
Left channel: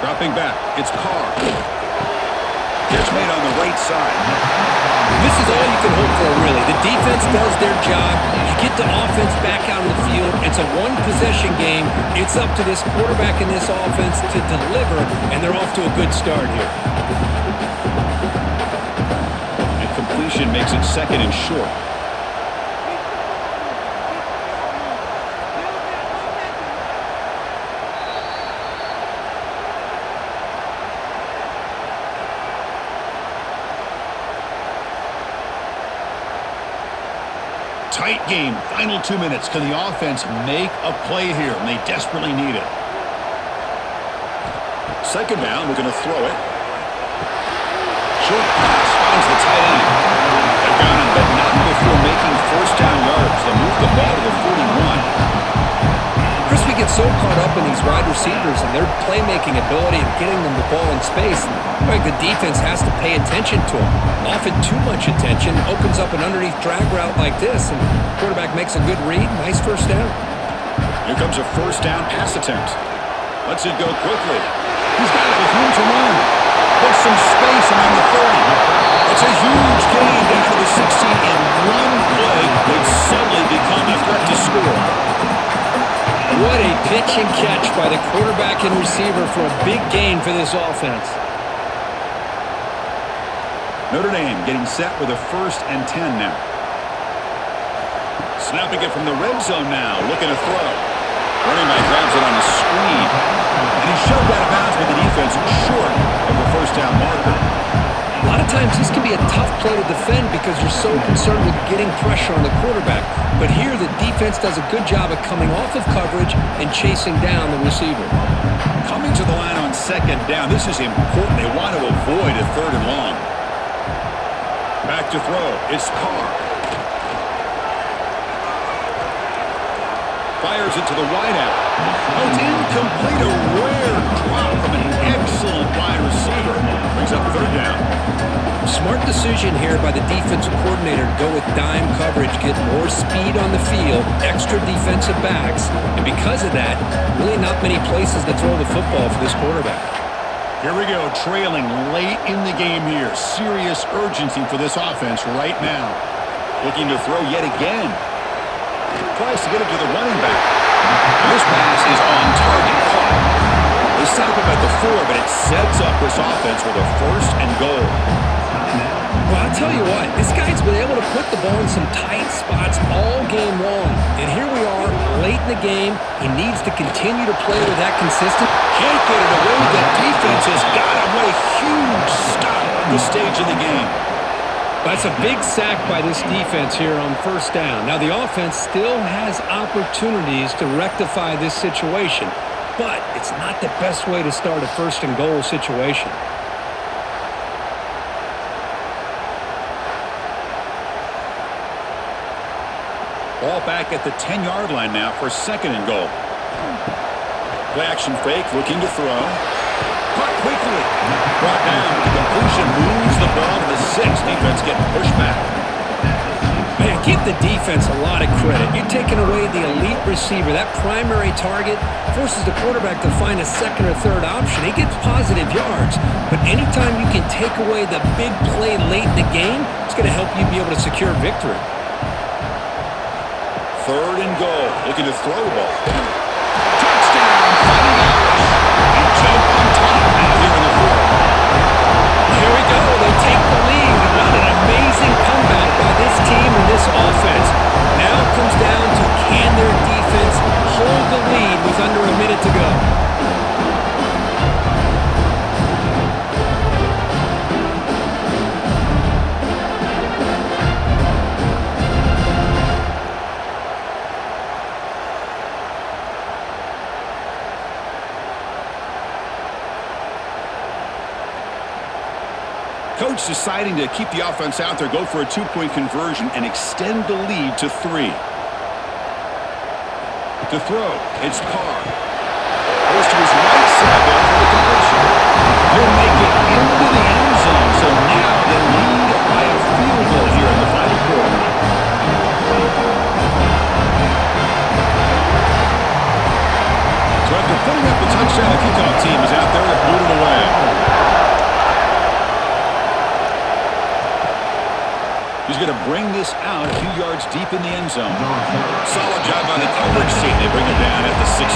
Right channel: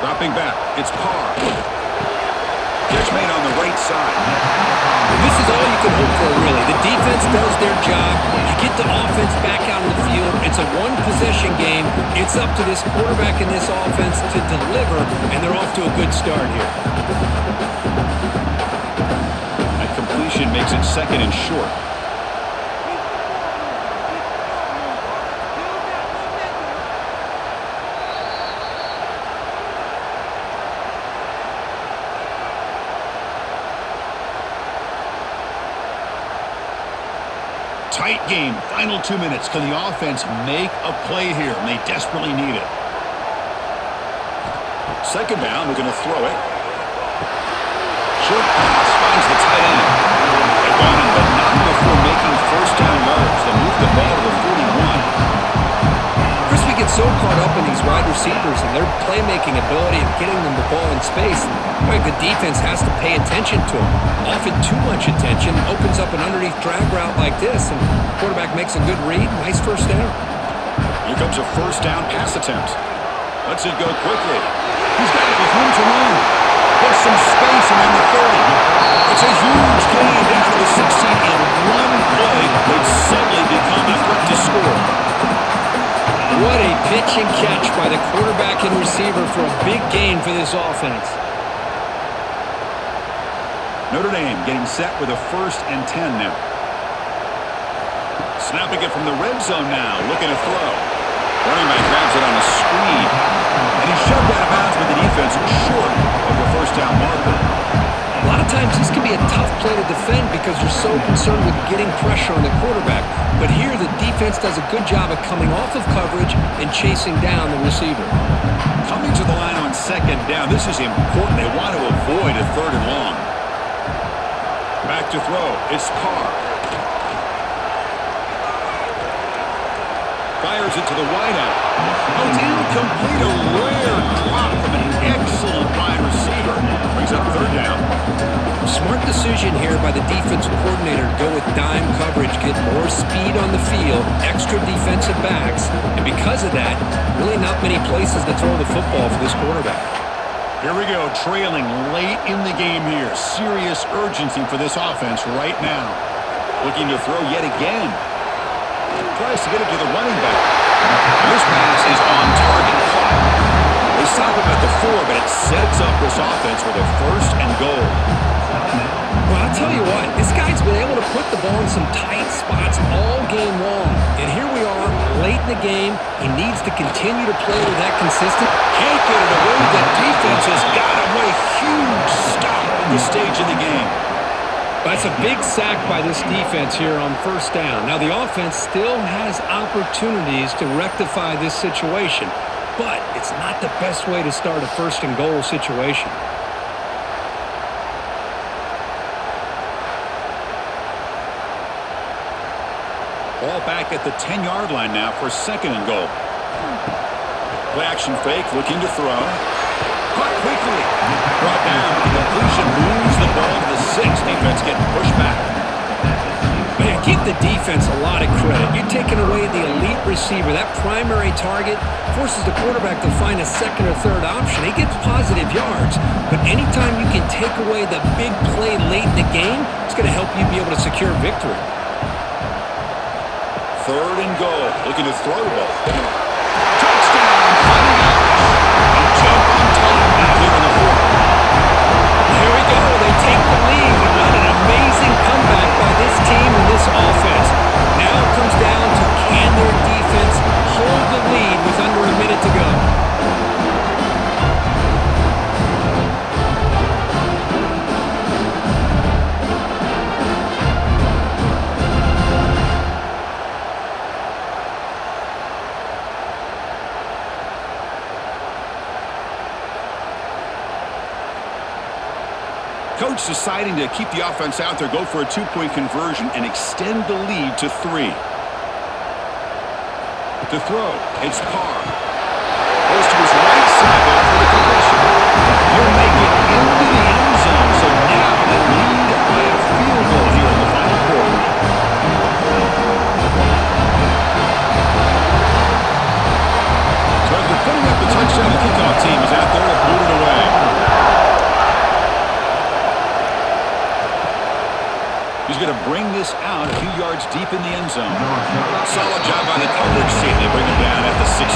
Dropping back, it's Carr. Catch made on the right side. This is all you can hope for, really. The defense does their job. You get the offense back out on the field. It's a one-possession game. It's up to this quarterback and this offense to deliver, and they're off to a good start here. That completion makes it 2nd and short. Tight game. Final 2 minutes. Can the offense make a play here? And they desperately need it. 2nd down. We're going to throw it. Short pass finds the tight end. They've got him, but not before making 1st down yards. They'll move the ball to the 41. Chris, we get so caught up in these wide receivers and their playmaking ability and getting them the ball in space. Like the defense has to pay attention to them. Often too much attention opens up an underneath drag route like this, and quarterback makes a good read. Nice 1st down. Here comes a 1st down pass attempt. Lets it go quickly. He's got it with room to run. Gets some space around the 30. It's a huge gain down to the 16 in one play. They've suddenly become a threat to score. What a pitch and catch by the quarterback and receiver for a big gain for this offense. Notre Dame getting set with a 1st and 10 now. Snapping it from the red zone now. Looking to throw. Running back grabs it on a screen. And he's shoved out of bounds by the defense short of the 1st down marker. A lot of times this can be a tough play to defend because you're so concerned with getting pressure on the quarterback. But here the defense does a good job of coming off of coverage and chasing down the receiver. Coming to the line on 2nd down. This is important. They want to avoid a 3rd and long. Back to throw. It's Carr. Fires it to the wideout. Oh, it's incomplete. A rare drop from an excellent wide receiver. Brings up 3rd down. Smart decision here by the defensive coordinator to go with dime coverage, get more speed on the field, extra defensive backs, and because of that, really not many places to throw the football for this quarterback. Here we go, trailing late in the game here. Serious urgency for this offense right now. Looking to throw yet again. Tries to get it to the running back. And this pass is on target, caught. They stop him at the 4, but it sets up this offense with a 1st and goal. Well, I'll tell you what, this guy's been able to put the ball in some tight spots all game long. And here we are, late in the game. He needs to continue to play with that consistent. Can't get it away. The defense has got him. What a huge stop at this stage of the game. That's a big sack by this defense here on 1st down. Now, the offense still has opportunities to rectify this situation, but it's not the best way to start a 1st and goal situation. Ball back at the 10-yard line now for 2nd and goal. Play action fake, looking to throw. Caught quickly. Brought down. The completion moves the ball to the 6. Defense getting pushed back. Man, give the defense a lot of credit. You're taking away the elite receiver. That primary target forces the quarterback to find a 2nd or 3rd option. He gets positive yards, but anytime you can take away the big play late in the game, it's going to help you be able to secure victory. 3rd and goal. Looking to throw the ball. Touchdown, Fighting Irish. They jump on top now here in the 4th. Here we go. They take the lead. What an amazing comeback by this team and this offense. Now it comes down to can their defense hold the lead with under a minute to go. Coach deciding to keep the offense out there, go for a 2-point conversion, and extend the lead to 3. To throw, it's Carr. Goes to his right side there for the completion. He'll make it into the end zone. So now they lead by a field goal here in the final quarter. So after putting up a touchdown, the kickoff team is out there to boot it away. He's going to bring this out a few yards deep in the end zone. Solid job by the coverage team. They bring him down at the 16.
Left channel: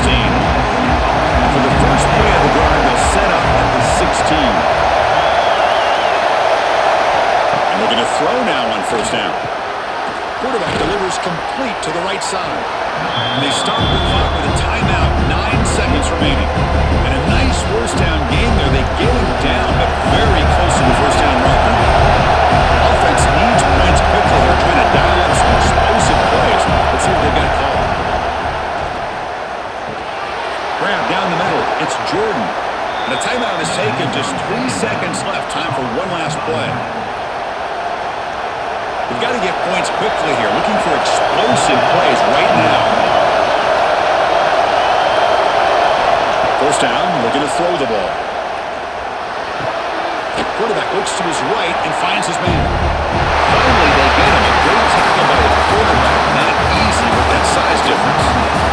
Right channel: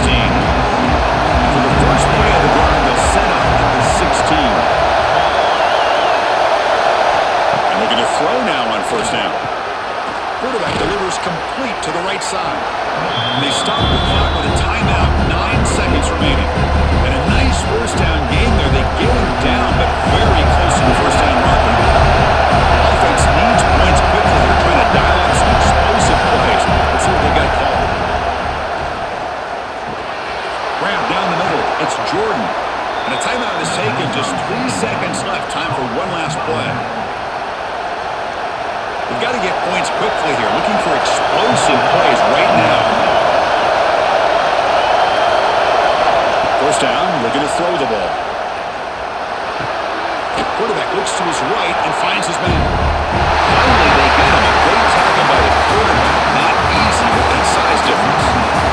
For the first play of the drive, they'll set up at the 16. And looking to throw now on first down. Quarterback delivers complete to the right side. And they stop the clock with a timeout, 9 seconds remaining. And a nice first down gain there. They get him down, but very close to the first down marker. Offense needs points quickly here, trying to dial up some explosive plays. Let's see what they've got called. Grab down the middle. It's Jordan. And a timeout is taken. Just 3 seconds left. Time for one last play. We've got to get points quickly here. Looking for explosive plays right now. First down, looking to throw the ball. Quarterback looks to his right and finds his man. Finally, they get him. A great tackle by the quarterback. Not easy with that size difference.